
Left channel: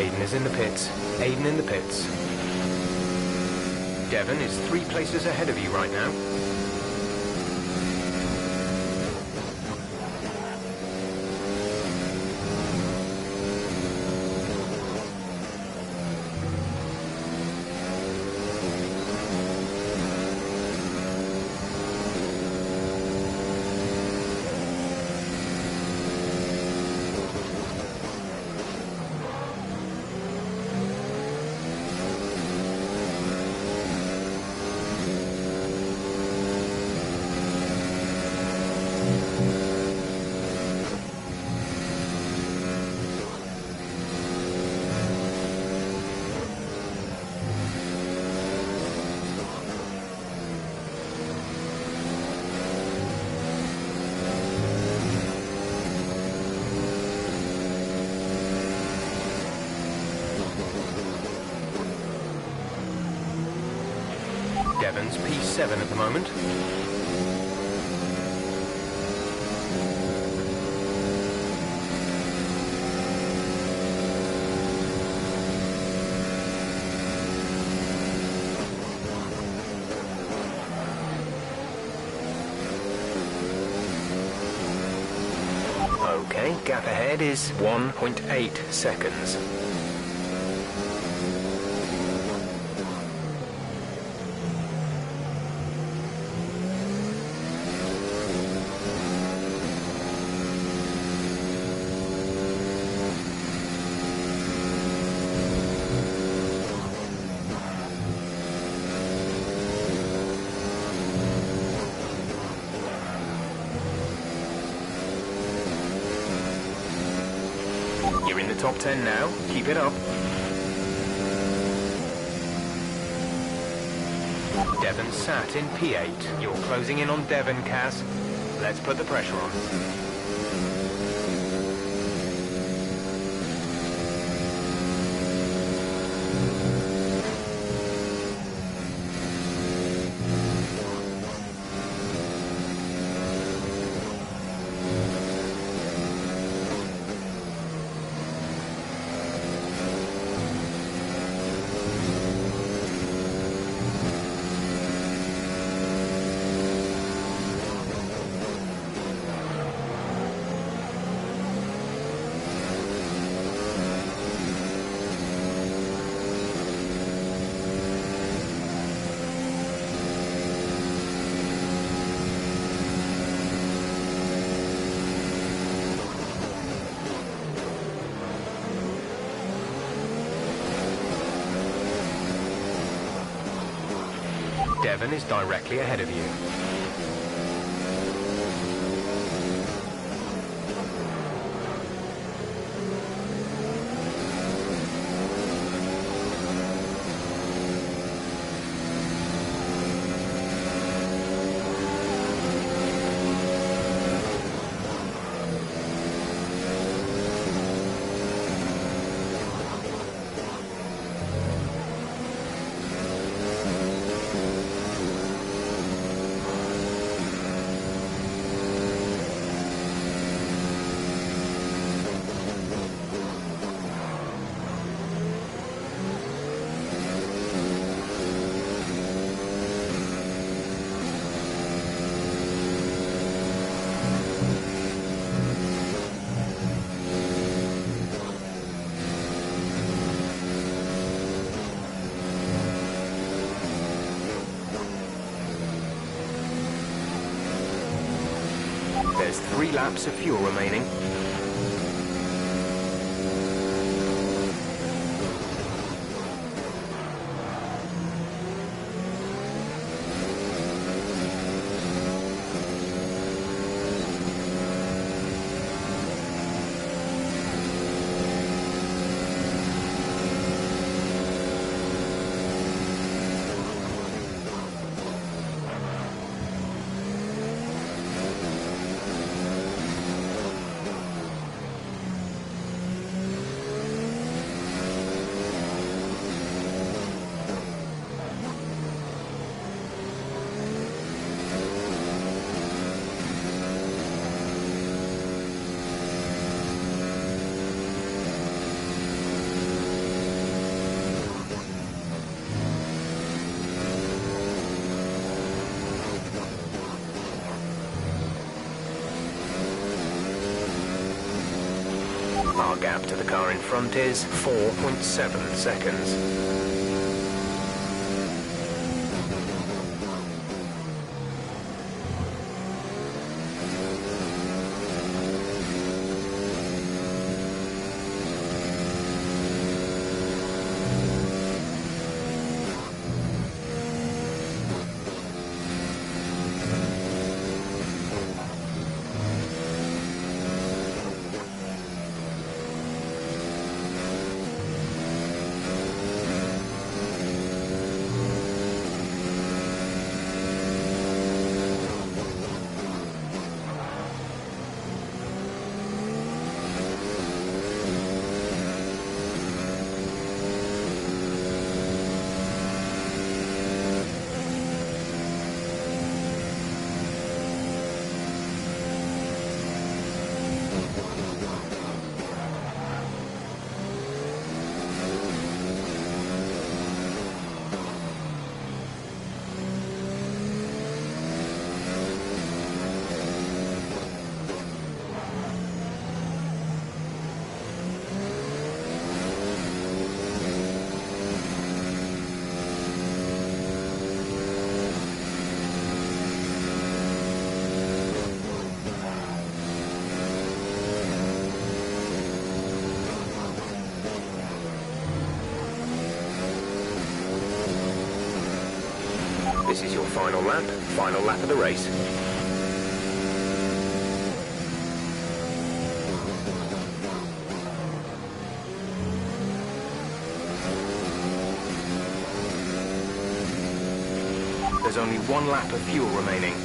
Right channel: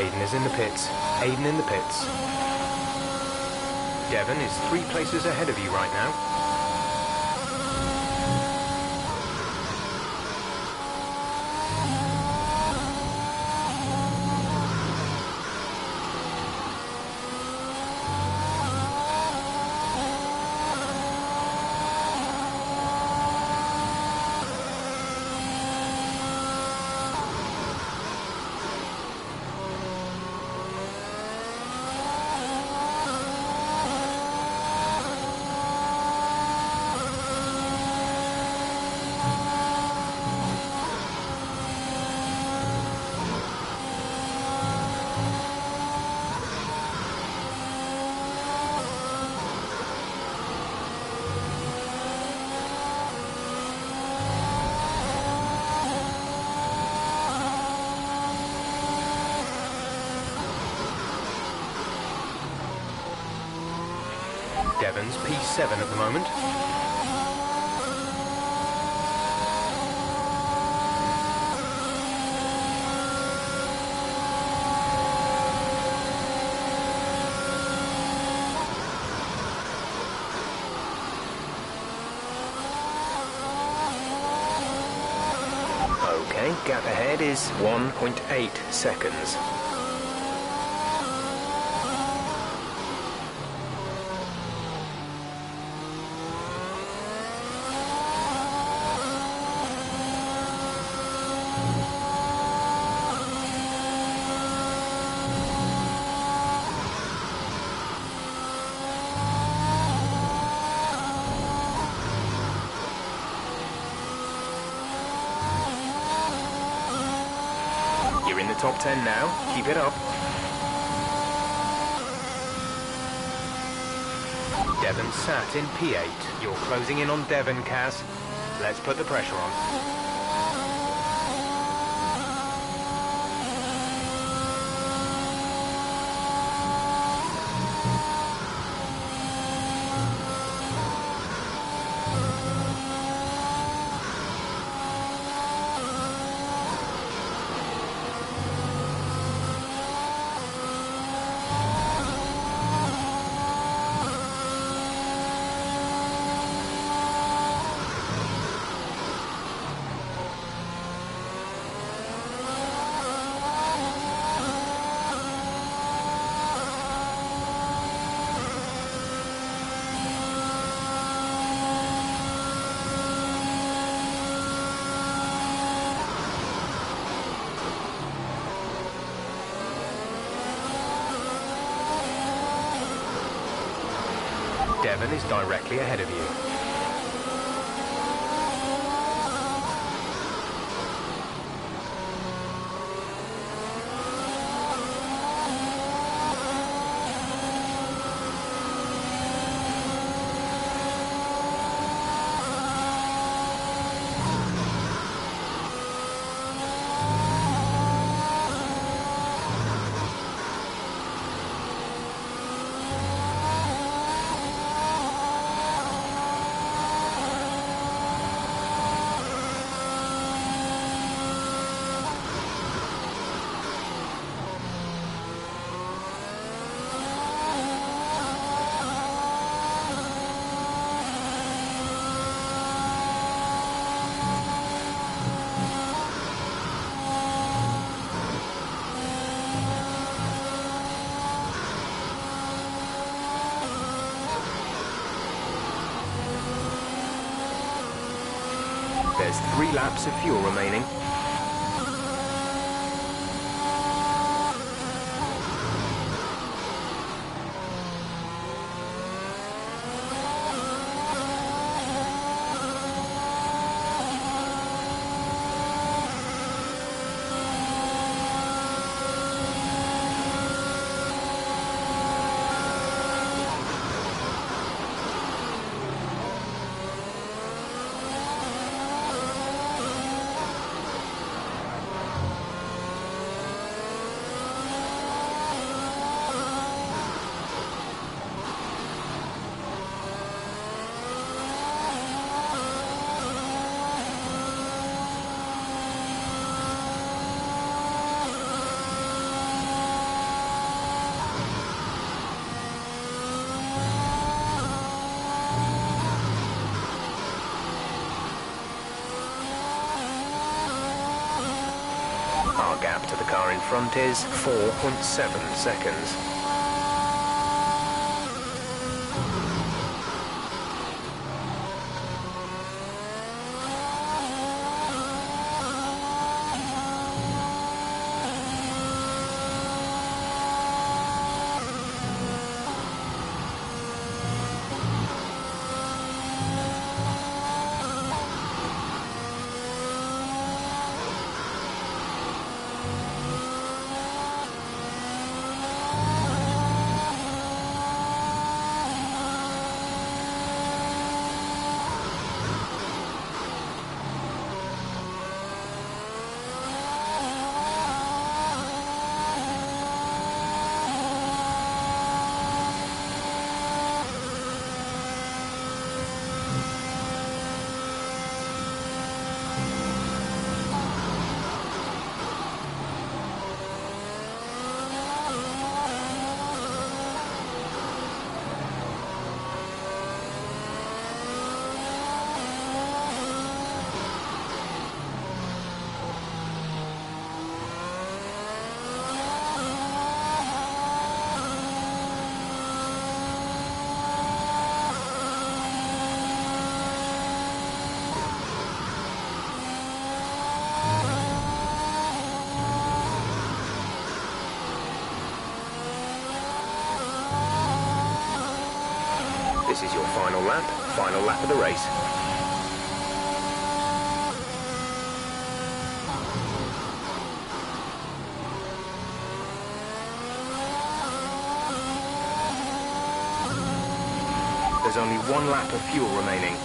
Aiden is in the pits. Aiden in the pits. Devon is 3 places ahead of you right now. Devon's P7 at the moment. Okay, gap ahead is 1.8 seconds. You're in the top 10 now. Keep it up. Devon sat in P8. You're closing in on Devon, Kaz. Let's put the pressure on. Devon is directly ahead of you. There's 3 laps of fuel remaining. Our gap to the car in front is 4.7 seconds. This is your final lap of the race. The There's only 1 lap of fuel remaining.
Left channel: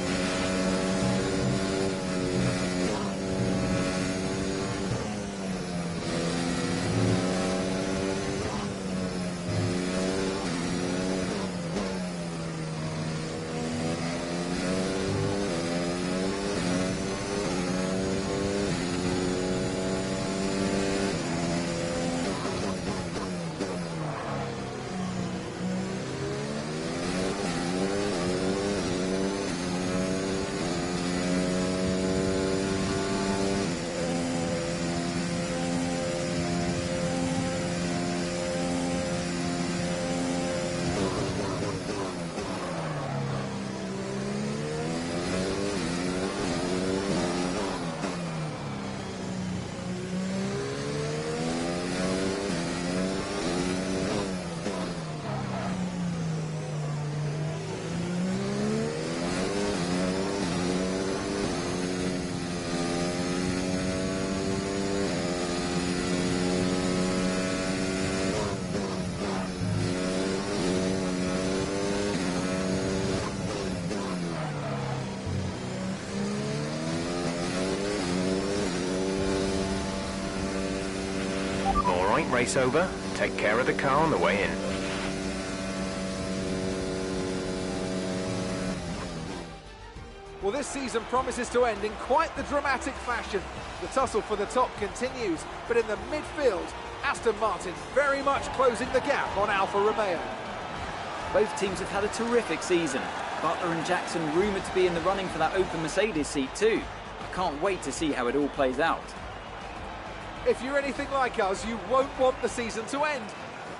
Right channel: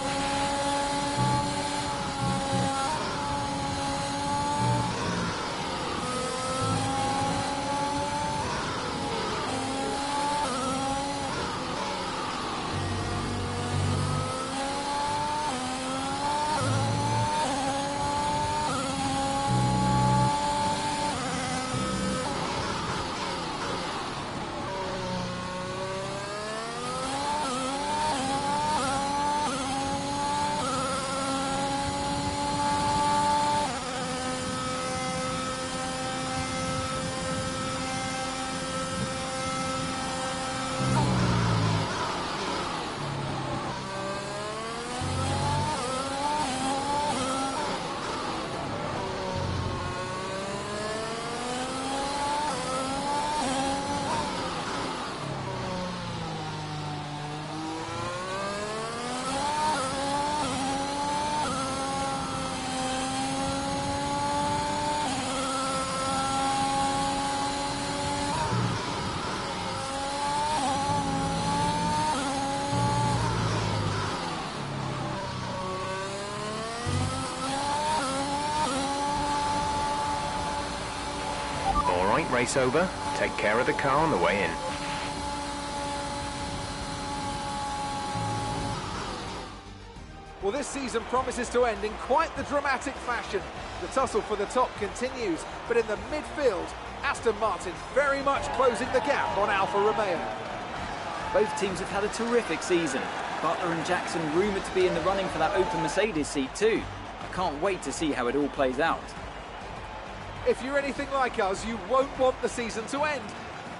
All right, race over. Take care of the car on the way in. Well, this season promises to end in quite the dramatic fashion. The tussle for the top continues, but in the midfield, Aston Martin very much closing the gap on Alfa Romeo. Both teams have had a terrific season. Butler and Jackson rumoured to be in the running for that open Mercedes seat too. I can't wait to see how it all plays out. If you're anything like us, you won't want the season to end,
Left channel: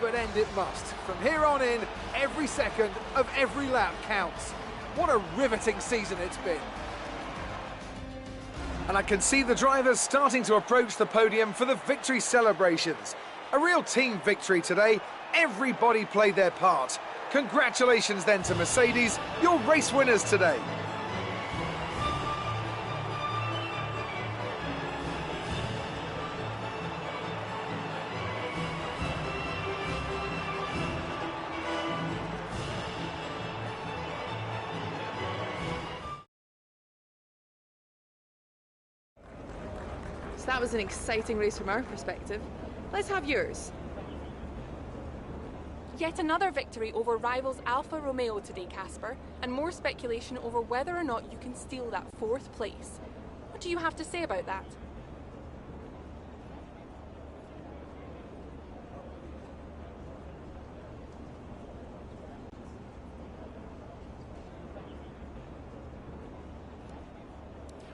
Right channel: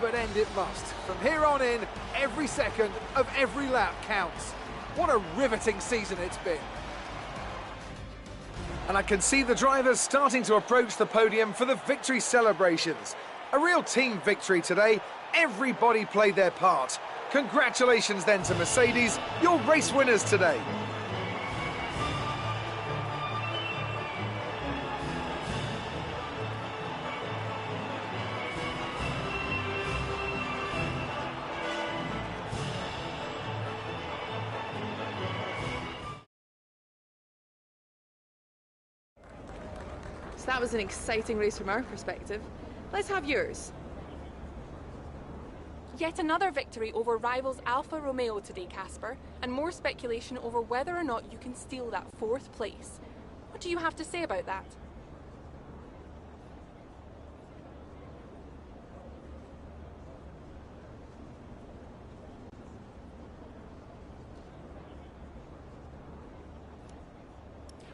but end it must. From here on in, every second of every lap counts. What a riveting season it's been. And I can see the drivers starting to approach the podium for the victory celebrations. A real team victory today. Everybody played their part. Congratulations then to Mercedes, your race winners today. So that was an exciting race from our perspective. Let's have yours. Yet another victory over rivals Alfa Romeo today, Casper, and more speculation over whether or not you can steal that 4th place. What do you have to say about that?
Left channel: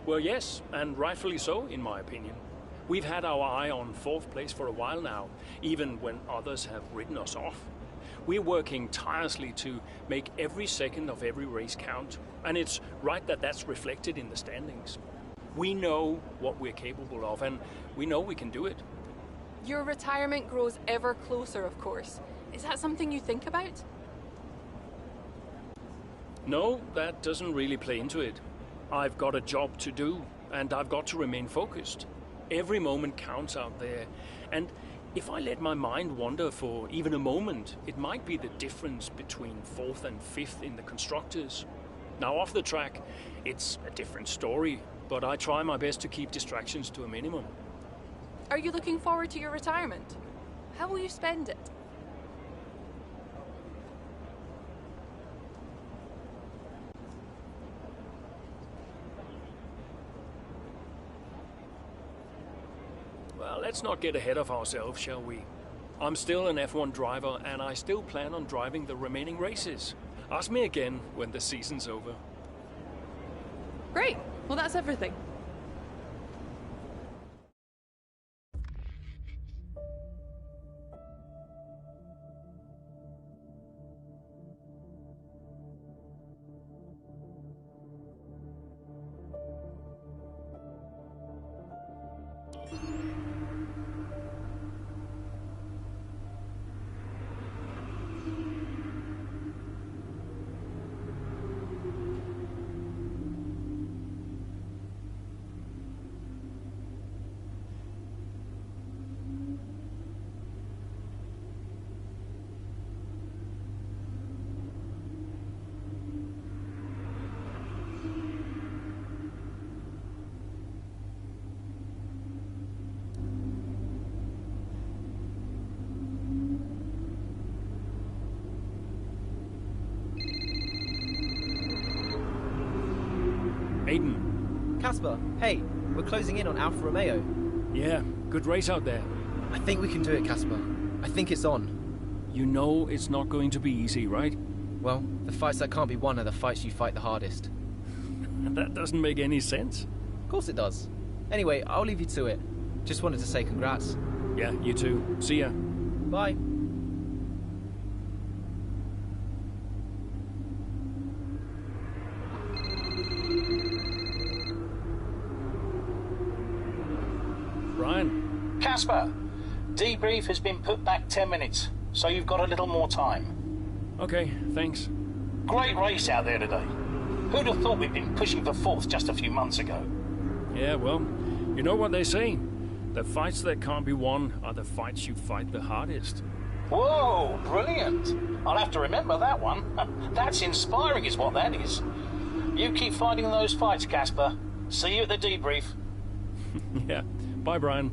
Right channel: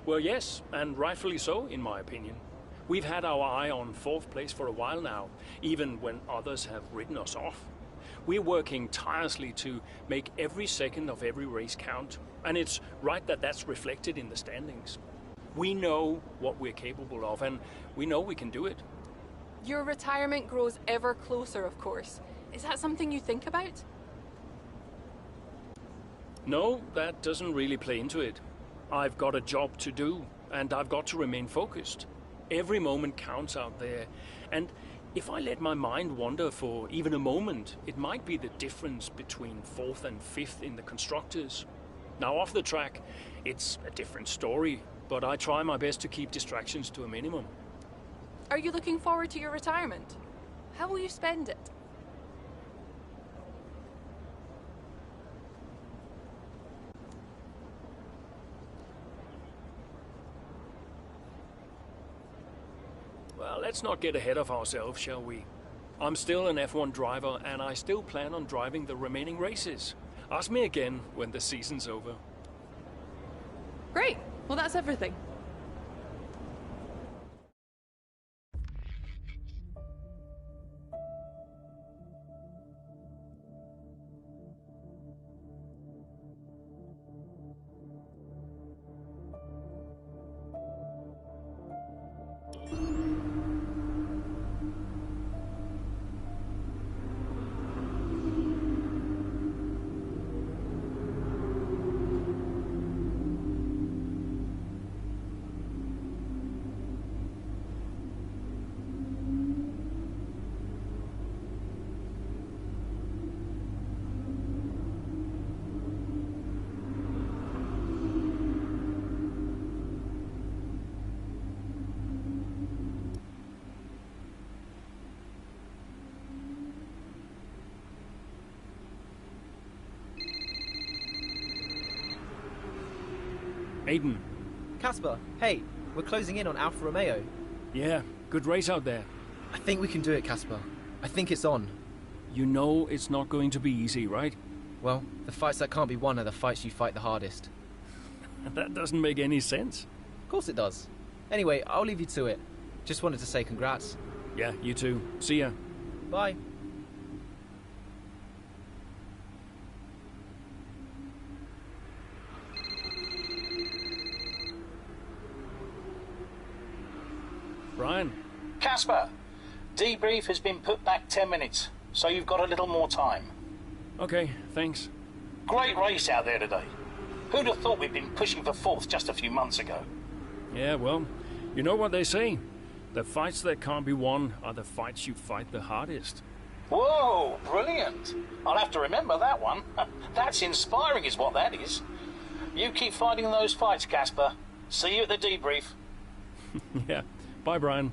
Well, yes, and rightfully so, in my opinion. We've had our eye on 4th place for a while now, even when others have ridden us off. We're working tirelessly to make every second of every race count, and it's right that that's reflected in the standings. We know what we're capable of, and we know we can do it. Your retirement grows ever closer, of course. Is that something you think about? No, that doesn't really play into it. I've got a job to do, and I've got to remain focused. Every moment counts out there, and if I let my mind wander for even a moment, it might be the difference between 4th and 5th in the constructors. Now, off the track, it's a different story, but I try my best to keep distractions to a minimum. Are you looking forward to your retirement? How will you spend it? Well, let's not get ahead of ourselves, shall we? I'm still an F1 driver, and I still plan on driving the remaining races. Ask me again when the season's over. Great. Well, that's everything. Aiden. Casper, hey, we're closing in on Alfa Romeo. Yeah, good race out there. I think we can do it, Casper. I think it's on. You know it's not going to be easy, right? Well, the fights that can't be won are the fights you fight the hardest. That doesn't make any sense. Of course it does. Anyway, I'll leave you to it. Just wanted to say congrats. Yeah, you too. See ya. Bye. Brian? Casper, debrief has been put back 10 minutes, so you've got a little more time. Okay, thanks. Great race out there today. Who'd have thought we'd been pushing for fourth just a few months ago? Yeah, well, you know what they say. The fights that can't be won are the fights you fight the hardest. Whoa, brilliant. I'll have to remember that one. That's inspiring is what that is. You keep fighting those fights, Casper. See you at the debrief. Yeah. Bye, Brian.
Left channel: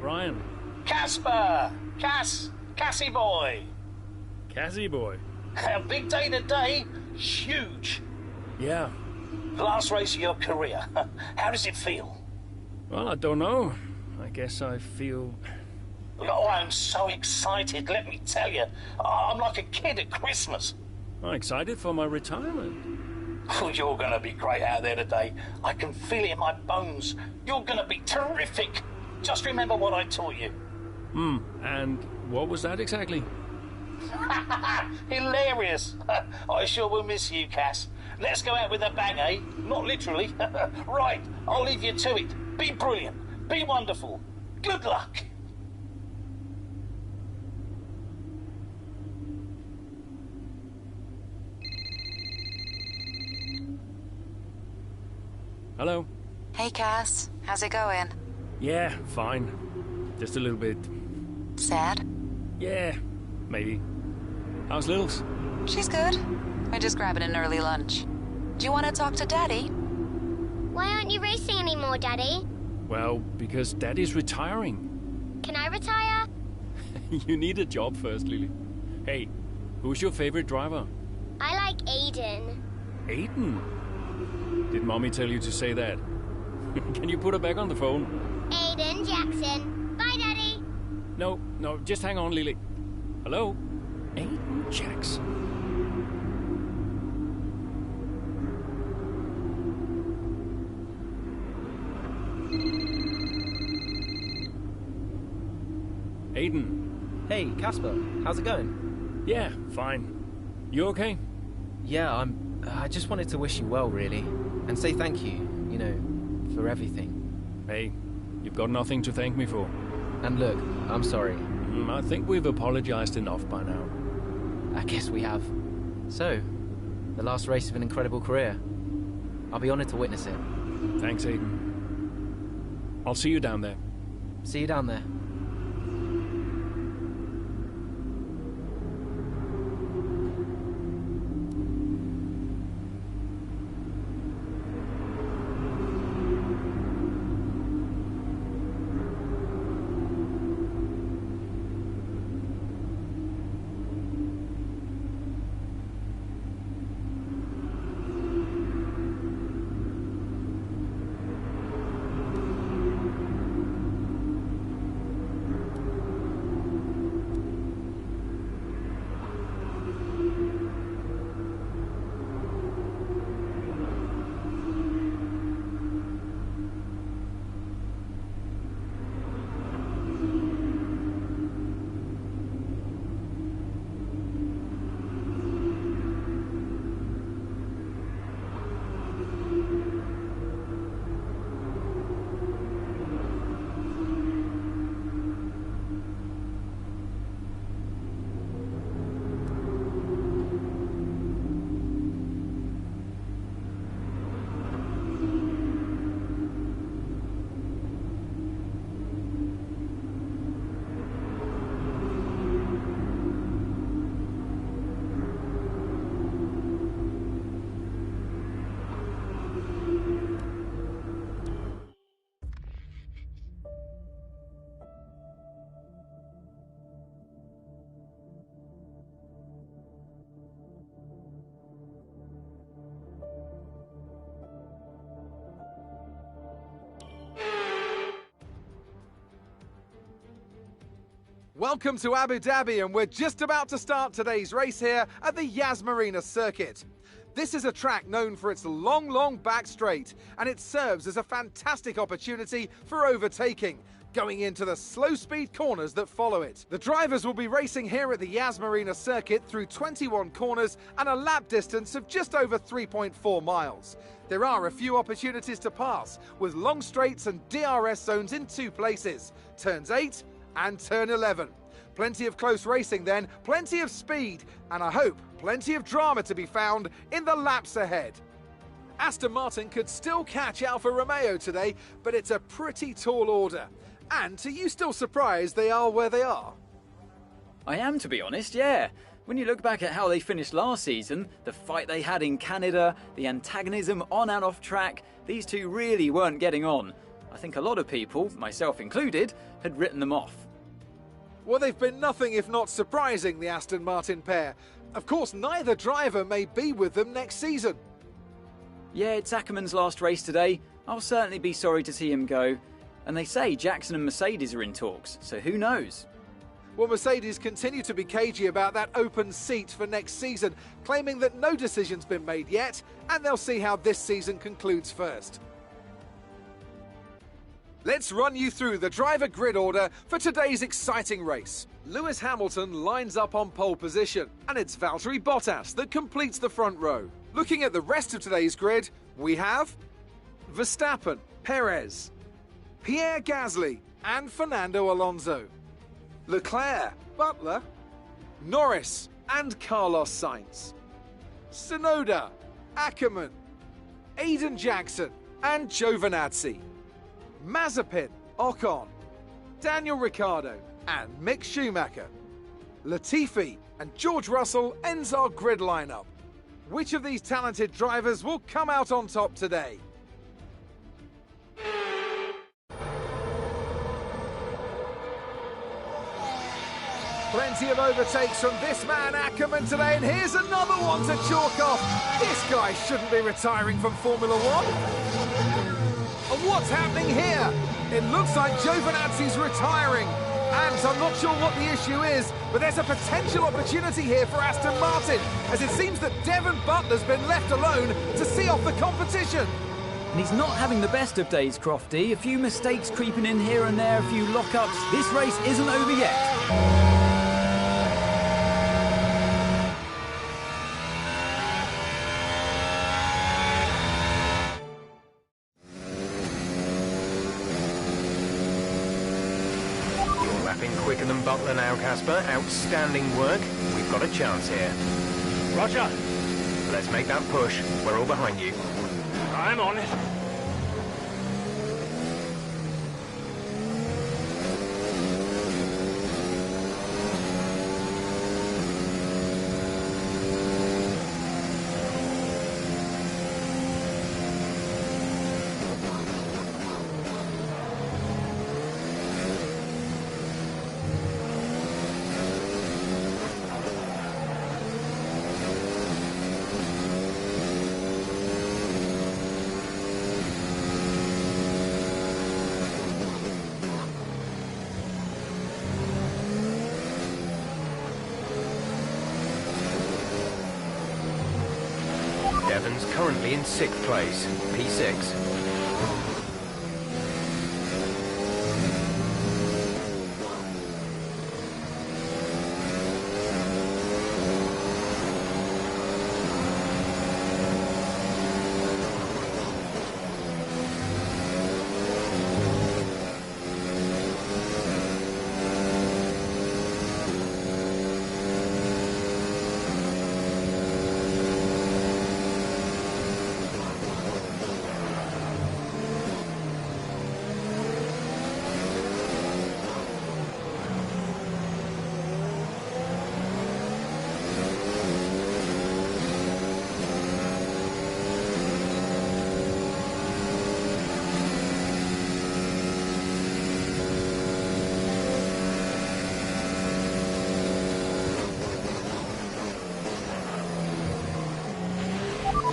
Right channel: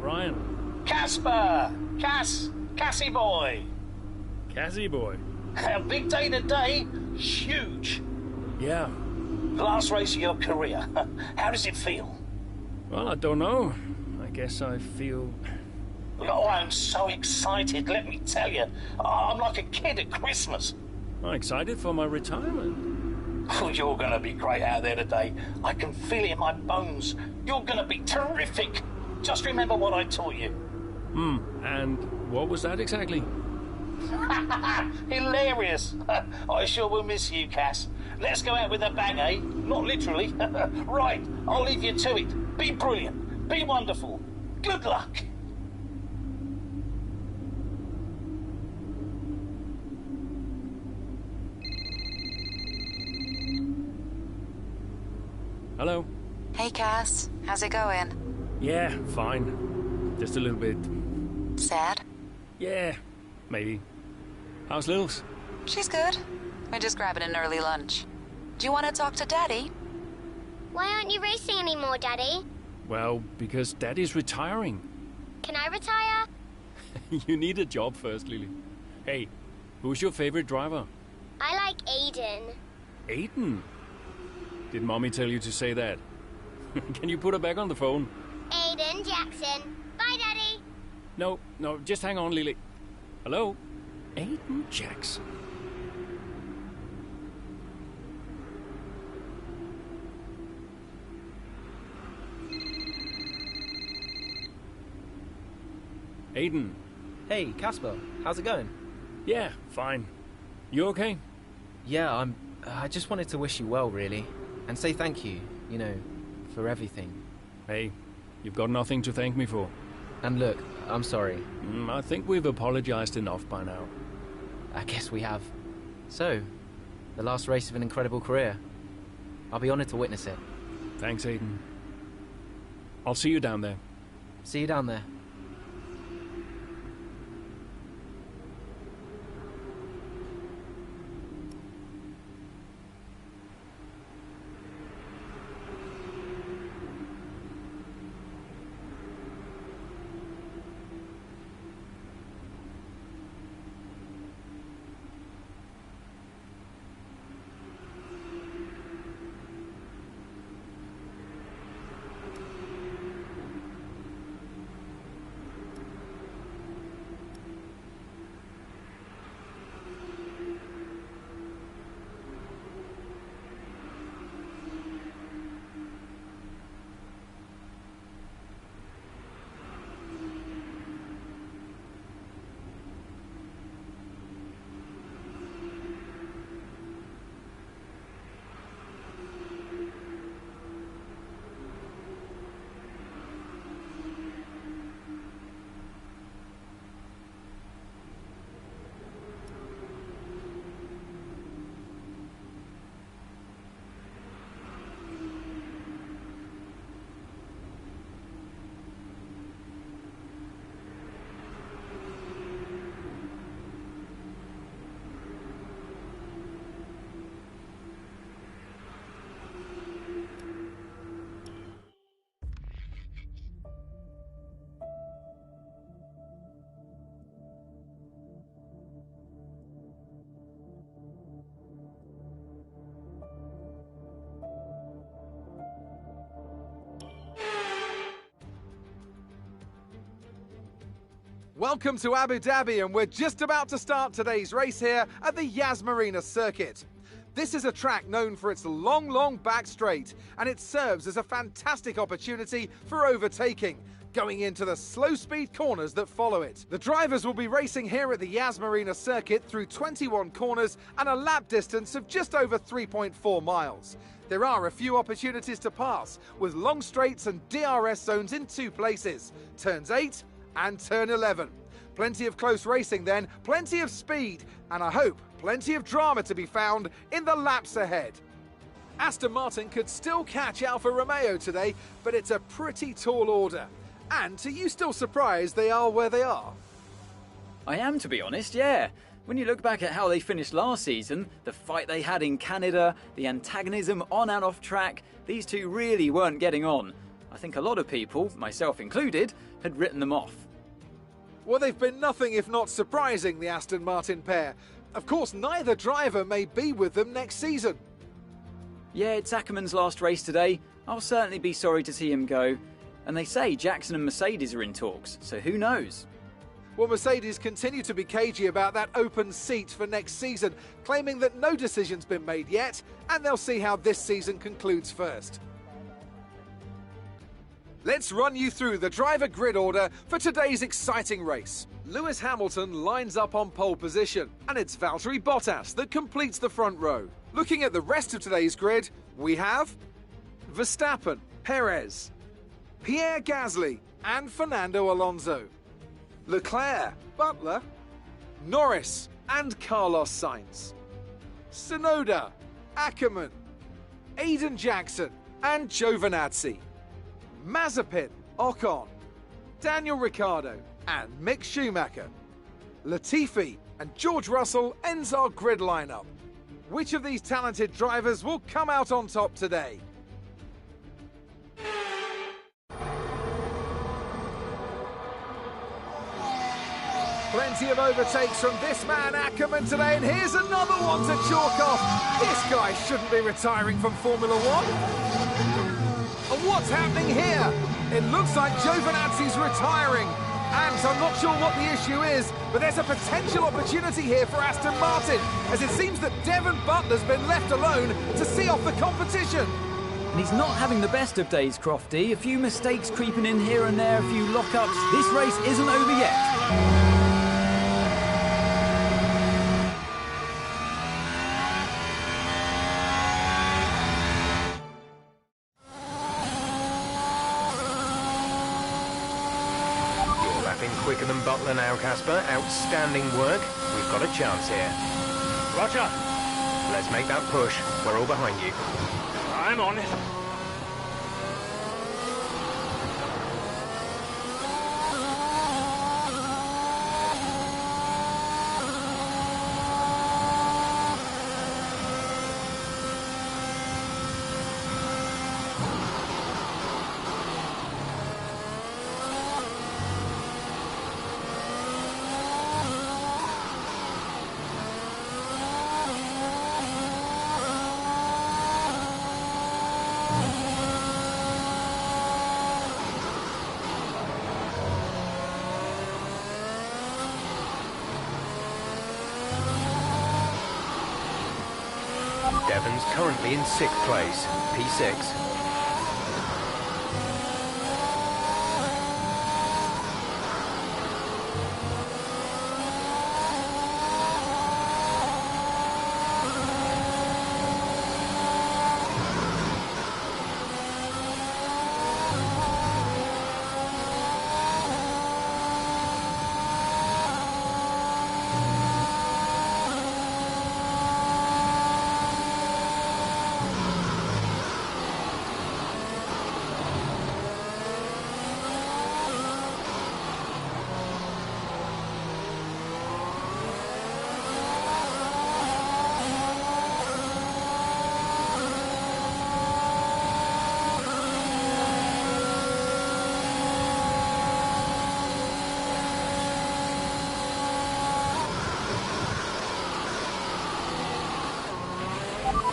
Brian. Casper! Cassie boy! Cassie boy? A big day today. Huge. Yeah. Last race of your career. How does it feel? Well, I don't know. I guess I feel... Oh, I'm so excited, let me tell you. I'm like a kid at Christmas. I'm excited for my retirement. Oh, you're gonna be great out there today. I can feel it in my bones. You're gonna be terrific. Just remember what I taught you. And what was that exactly? Hilarious. I sure will miss you, Cass. Let's go out with a bang, eh? Not literally. Right, I'll leave you to it. Be brilliant. Be wonderful. Good luck. Hello? Hey, Cass. How's it going? Yeah, fine. Just a little bit... Sad? Yeah, maybe. How's Lils? She's good. We're just grabbing an early lunch. Do you want to talk to Daddy? Why aren't you racing anymore, Daddy? Well, because Daddy's retiring. Can I retire? You need a job first, Lily. Hey, who's your favorite driver? I like Aiden. Aiden? Did Mommy tell you to say that? Can you put her back on the phone? Aiden Jackson. Bye, Daddy. No, just hang on, Lily. Hello? Aiden Jackson. Aiden. Hey, Casper. How's it going? Yeah, fine. You okay? Yeah, I just wanted to wish you well, really. And say thank you, you know, for everything. Hey, you've got nothing to thank me for. And look, I'm sorry. I think we've apologized enough by now. I guess we have. So, the last race of an incredible career. I'll be honored to witness it. Thanks, Aiden. I'll see you down there. See you down there. Welcome to Abu Dhabi, and we're just about to start today's race here at the Yas Marina circuit. This is a track known for its long back straight, and it serves as a fantastic opportunity for overtaking, going into the slow speed corners that follow it. The drivers will be racing here at the Yas Marina circuit through 21 corners and a lap distance of just over 3.4 miles. There are a few opportunities to pass, with long straights and DRS zones in 2 places, turns 8 and turn 11. Plenty of close racing then, plenty of speed, and I hope plenty of drama to be found in the laps ahead. Aston Martin could still catch Alfa Romeo today, but it's a pretty tall order. And are you still surprised they are where they are? I am, to be honest, yeah. When you look back at how they finished last season, the fight they had in Canada, the antagonism on and off track, these two really weren't getting on. I think a lot of people, myself included, had written them off. Well, they've been nothing if not surprising, the Aston Martin pair. Of course, neither driver may be with them next season. Yeah, it's Ackerman's last race today. I'll certainly be sorry to see him go. And they say Jackson and Mercedes are in talks, so who knows? Well, Mercedes continue to be cagey about that open seat for next season, claiming that no decision's been made yet, and they'll see how this season concludes first. Let's run you through the driver grid order for today's exciting race. Lewis Hamilton lines up on pole position, and it's Valtteri Bottas that completes the front row. Looking at the rest of today's grid, we have Verstappen, Perez, Pierre Gasly and Fernando Alonso, Leclerc, Butler, Norris and Carlos Sainz, Tsunoda, Ackerman, Aiden Jackson and Giovinazzi, Mazepin, Ocon, Daniel Ricciardo and Mick Schumacher. Latifi and George Russell ends our grid lineup. Which of these talented drivers will come out on top today? Plenty of overtakes from this man Ackerman today, and here's another one to chalk off. This guy shouldn't be retiring from Formula One. And what's happening here? It looks like Giovinazzi's retiring. And I'm not sure what the issue is, but there's a potential opportunity here for Aston Martin, as it seems that Devon Butler's been left alone to see off the competition. And he's not having the best of days, Crofty. A few mistakes creeping in here and there, a few lockups. This race isn't over yet. Lapping quicker than Butler now, Casper. Outstanding work. We've got a chance here. Roger. Let's make that push. We're all behind you. I'm on it. Devon's currently in 6th place, P6.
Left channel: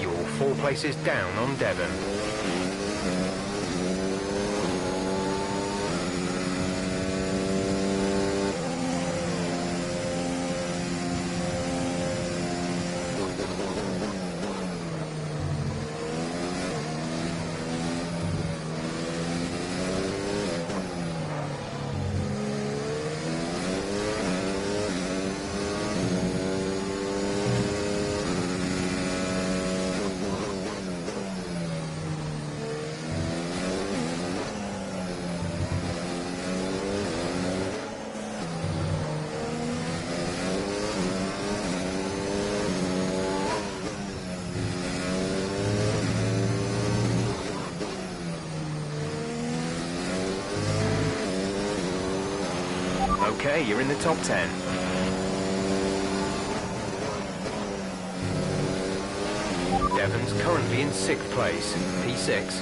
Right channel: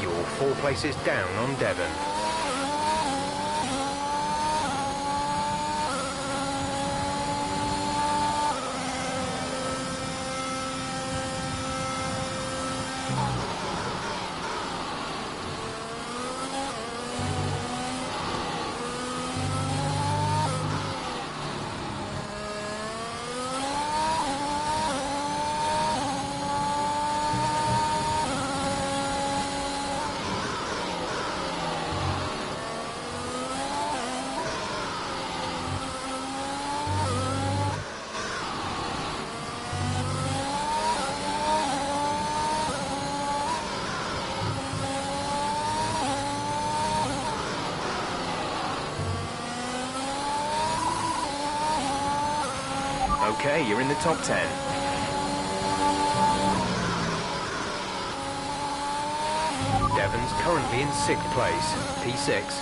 You're 4 places down on Devon. Okay, you're in the top 10. Devon's currently in 6th place, P6.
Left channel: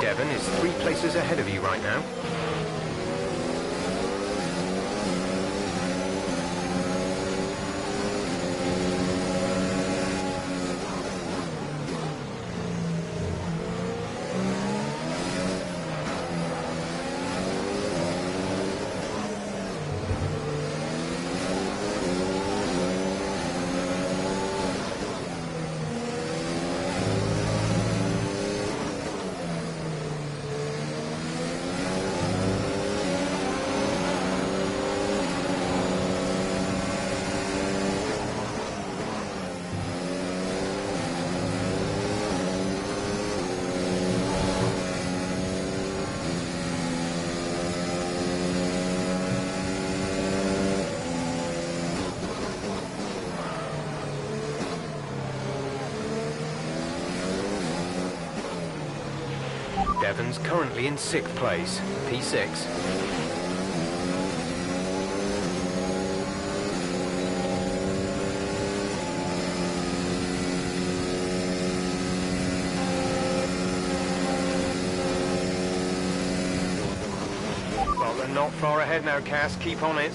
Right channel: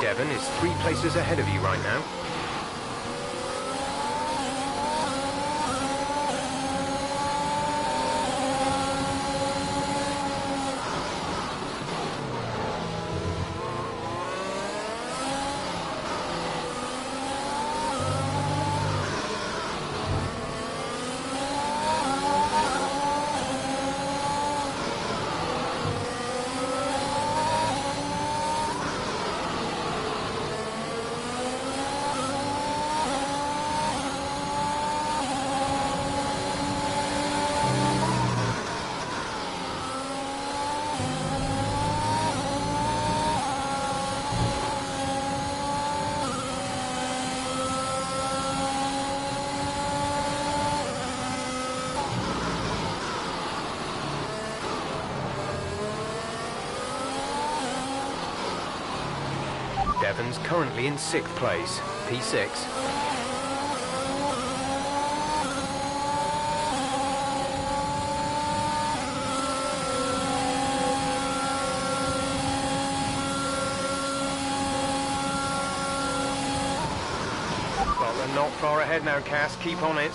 Devon is 3 places ahead of you right now. Devon's currently in 6th place, P6. Well, they're not far ahead now, Cass. Keep on it.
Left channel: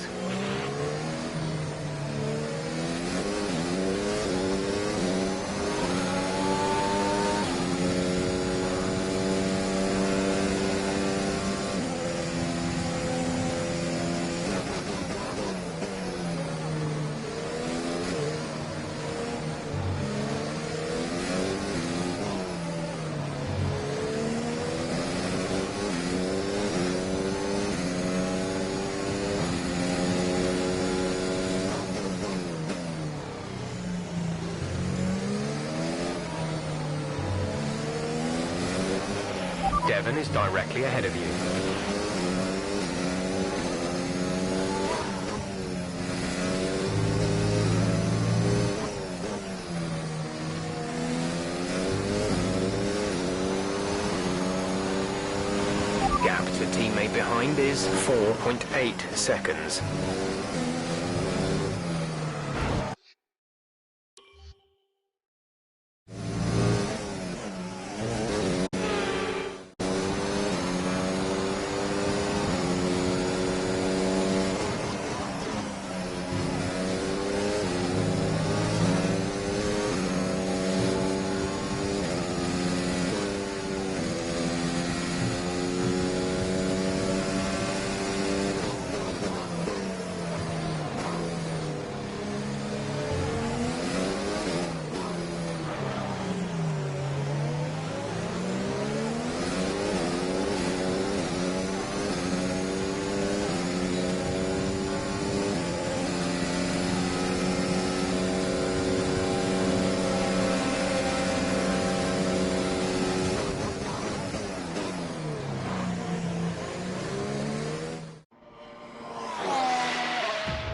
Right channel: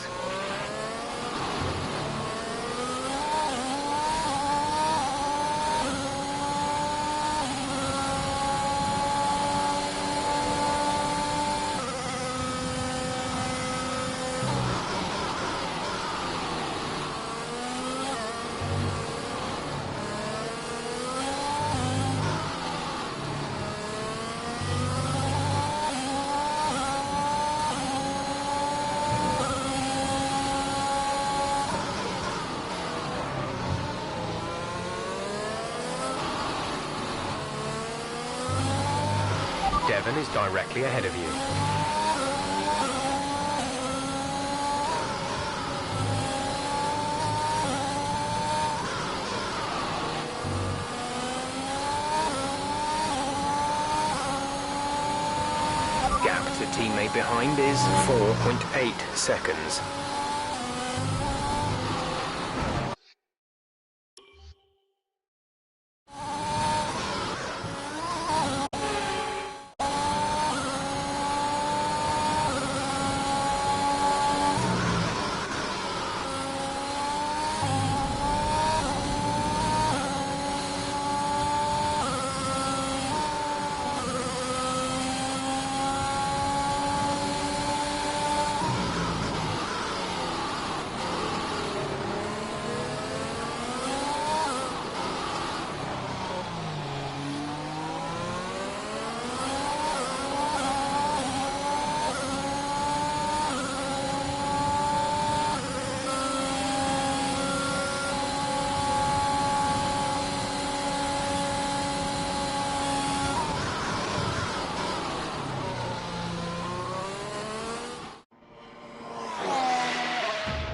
Devon is directly ahead of you. Gap to teammate behind is 4.8 seconds.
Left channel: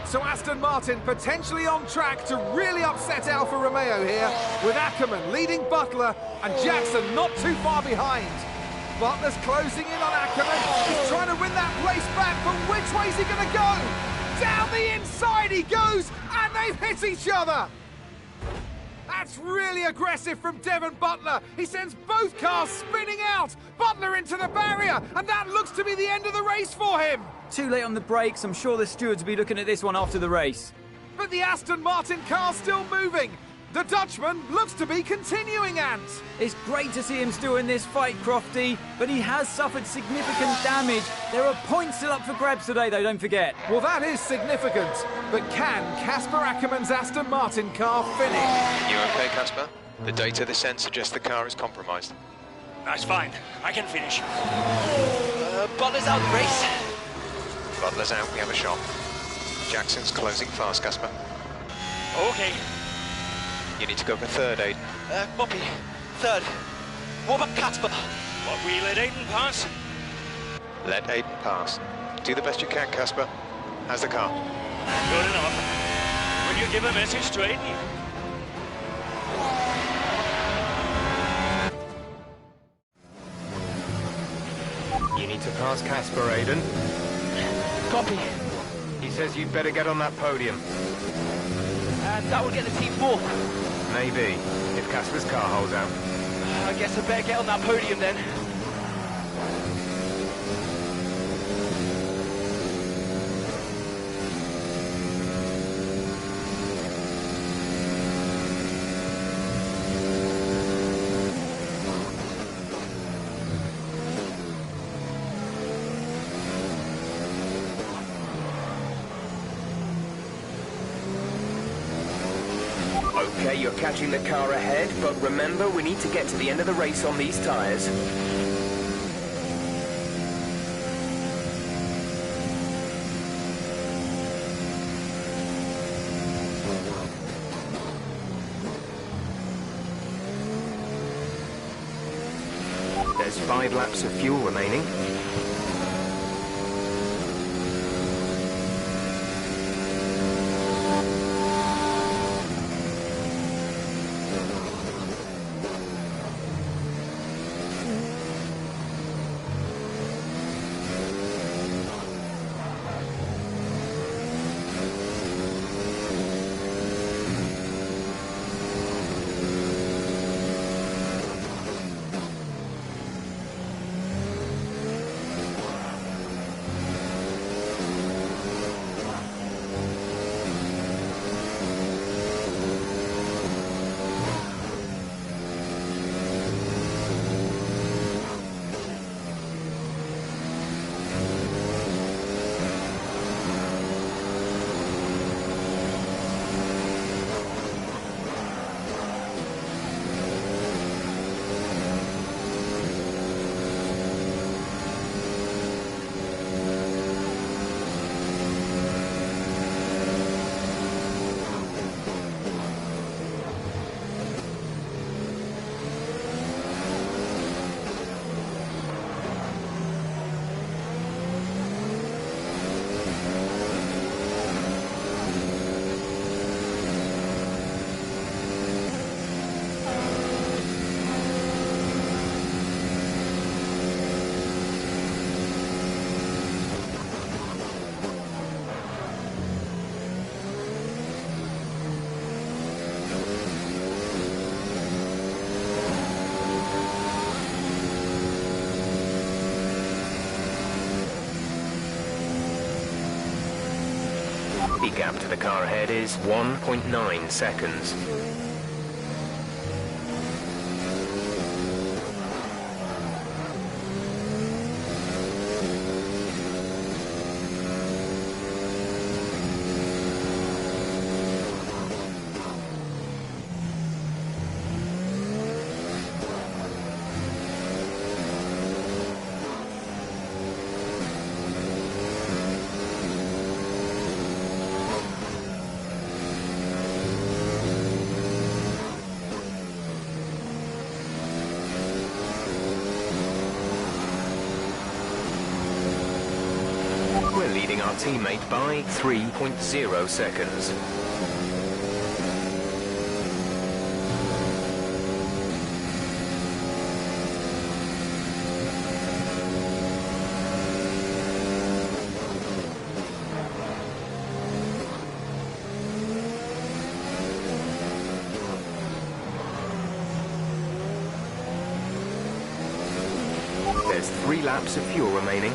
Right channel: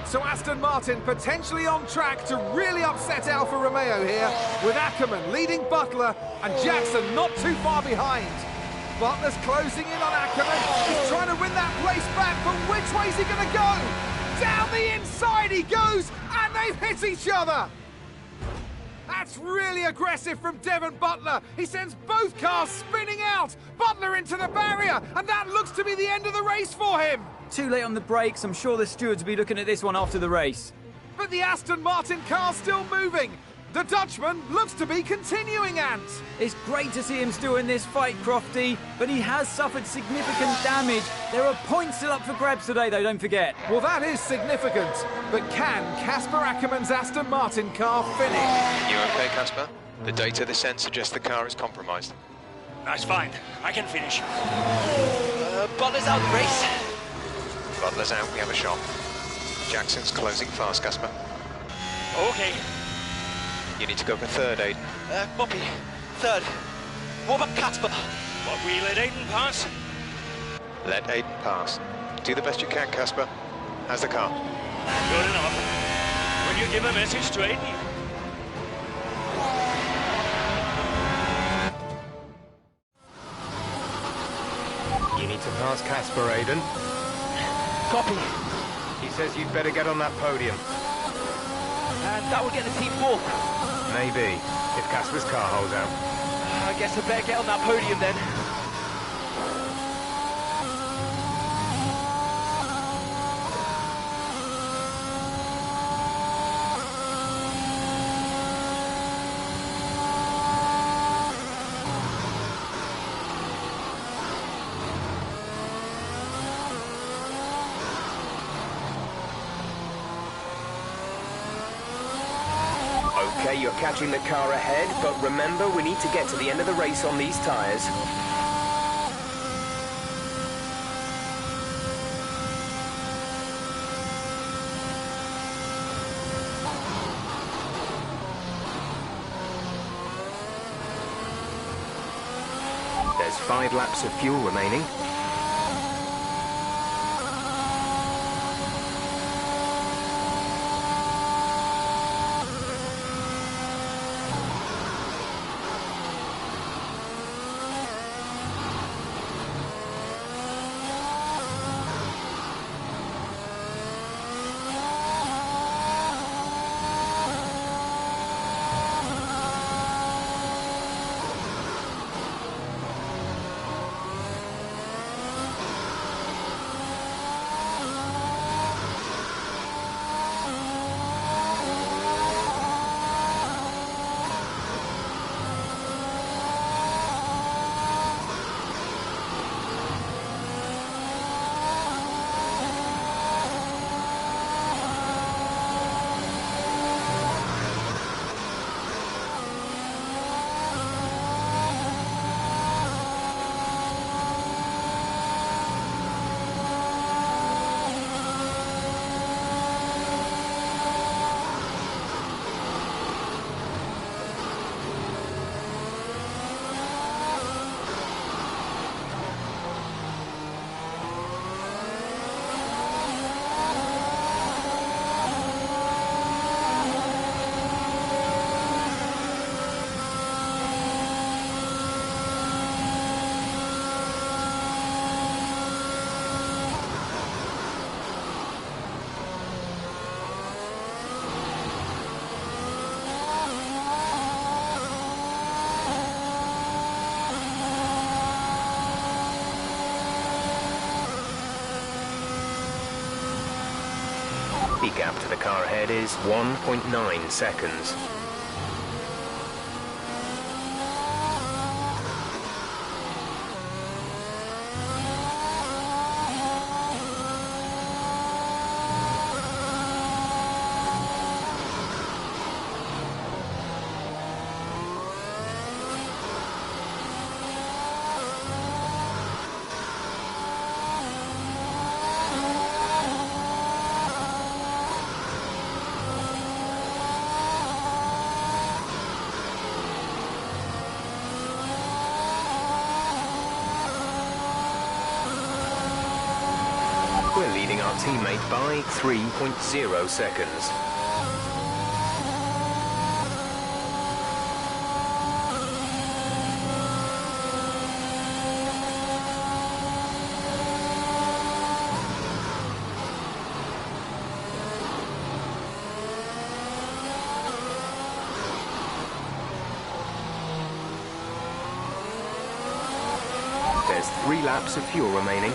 So Aston Martin potentially on track to really upset Alfa Romeo here, with Ackerman leading Butler and Jackson not too far behind. Butler's closing in on Ackerman. He's trying to win that place back, but which way's he going to go? Down the inside he goes, and they've hit each other. That's really aggressive from Devon Butler. He sends both cars spinning out. Butler into the barrier, and that looks to be the end of the race for him. Too late on the brakes. I'm sure the stewards will be looking at this one after the race. But the Aston Martin car's still moving. The Dutchman looks to be continuing, Ant. It's great to see him still in this fight, Crofty, but he has suffered significant damage. There are points still up for grabs today, though, don't forget. Well, that is significant. But can Casper Ackerman's Aston Martin car finish? You okay, Casper? The data this end suggests the car is compromised. That's fine. I can finish. Butler's out of the race. Butler's out, we have a shot. Jackson's closing fast, Casper. Okay. You need to go for third, Aiden. Copy. Third. What about Casper? What, we let Aiden pass? Let Aiden pass. Do the best you can, Casper. How's the car? Good enough. Will you give a message to Aiden? You need to pass Casper, Aiden. Copy. He says you'd better get on that podium. And that will get the team fourth. Maybe, if Casper's car holds out. I guess I better get on that podium then. Okay, you're catching the car ahead, but remember, we need to get to the end of the race on these tyres. There's 5 laps of fuel remaining. The gap to the car ahead is 1.9 seconds. We're leading our teammate by 3.0 seconds. There's 3 laps of fuel remaining.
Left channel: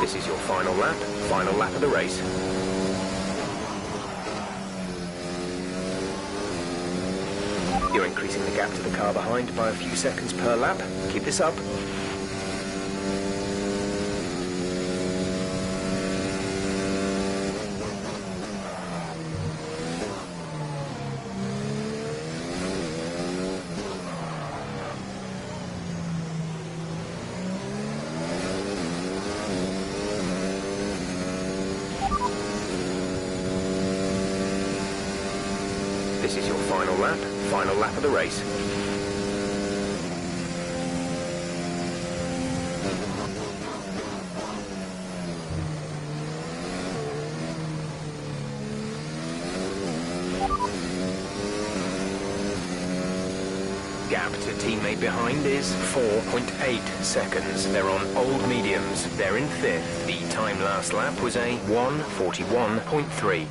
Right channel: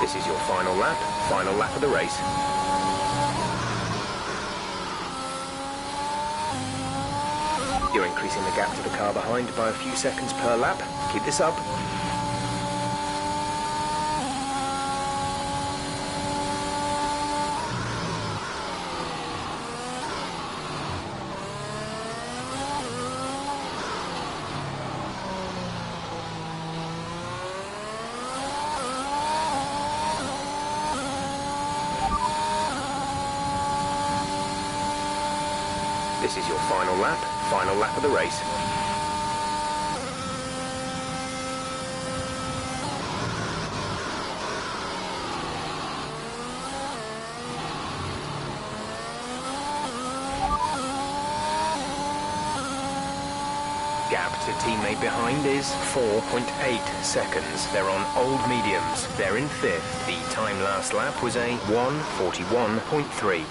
This is your final lap of the race. You're increasing the gap to the car behind by a few seconds per lap. Keep this up. This is your final lap of the race. Gap to teammate behind is 4.8 seconds. They're on old mediums. They're in 5th. The time last lap was a 1:41.3.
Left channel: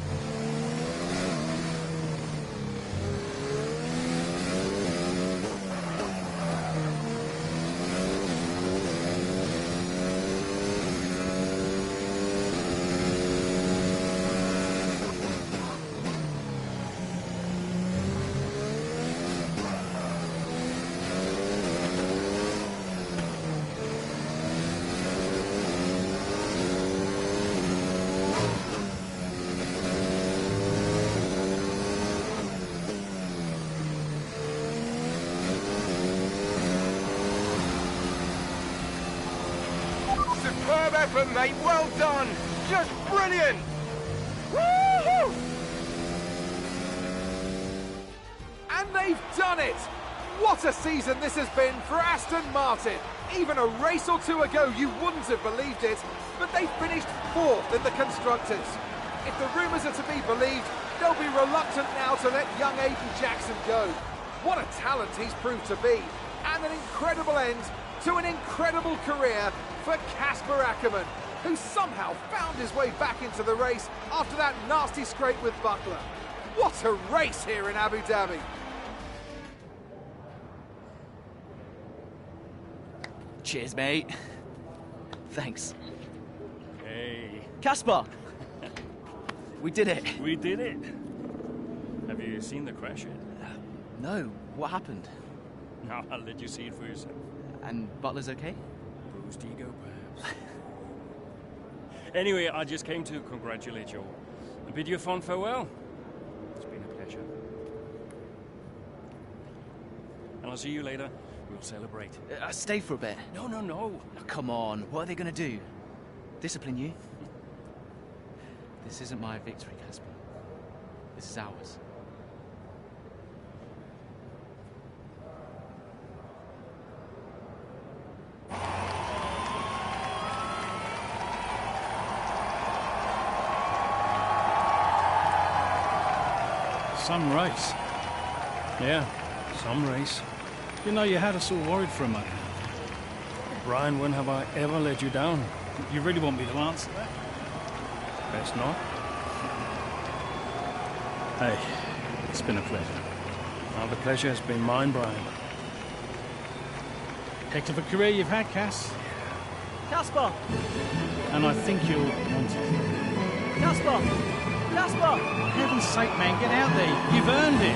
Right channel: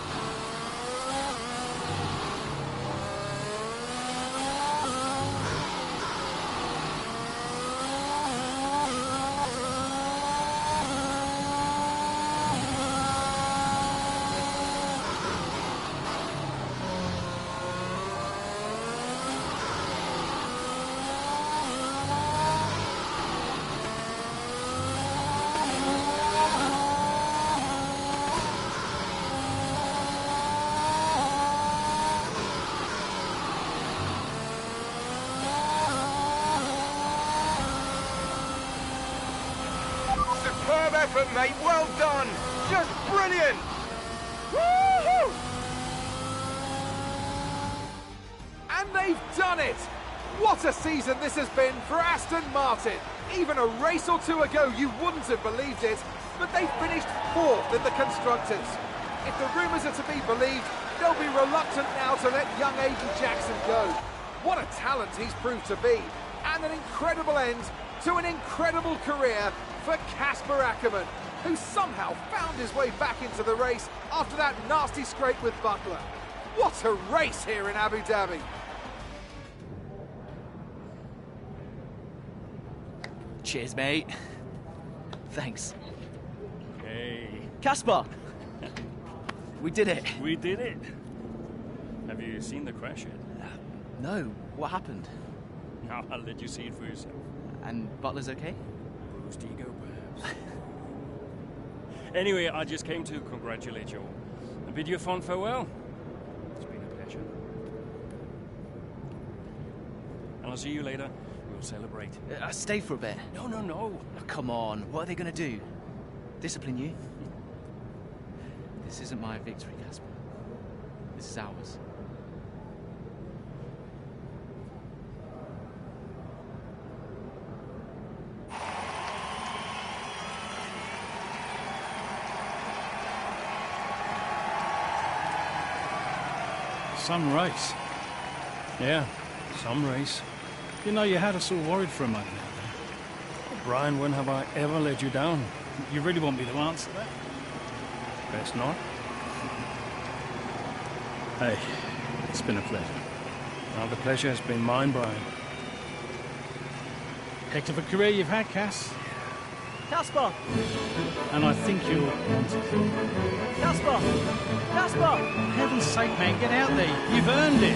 Superb effort, mate. Well done. Just brilliant. Woo-hoo! And they've done it! What a season this has been for Aston Martin. Even a race or two ago, you wouldn't have believed it, but they finished 4th in the Constructors. If the rumours are to be believed, they'll be reluctant now to let young Aiden Jackson go. What a talent he's proved to be, and an incredible end to an incredible career for Casper Ackermann, who somehow found his way back into the race after that nasty scrape with Butler. What a race here in Abu Dhabi. Cheers, mate. Thanks. Hey. Casper! We did it. We did it. Have you seen the crash yet? No. What happened? No, I'll let you see it for yourself. And Butler's okay? Bruised ego, perhaps. Anyway, I just came to congratulate you all and bid you a fond farewell. It's been a pleasure. And I'll see you later. We'll celebrate. Stay for a bit. No, no, no. Oh, come on. What are they going to do? Discipline you? This isn't my victory, Casper. This is ours. Some race. Yeah, some race. You know, you had us all worried for a moment out there. Brian, when have I ever let you down? You really want me to answer that? Best not. Hey, it's been a pleasure. Well, the pleasure has been mine, Brian. Heck of a career you've had, Cass. Casper! And I think you'll want it. Casper! Casper! For heaven's sake, man, get out there. You've earned it.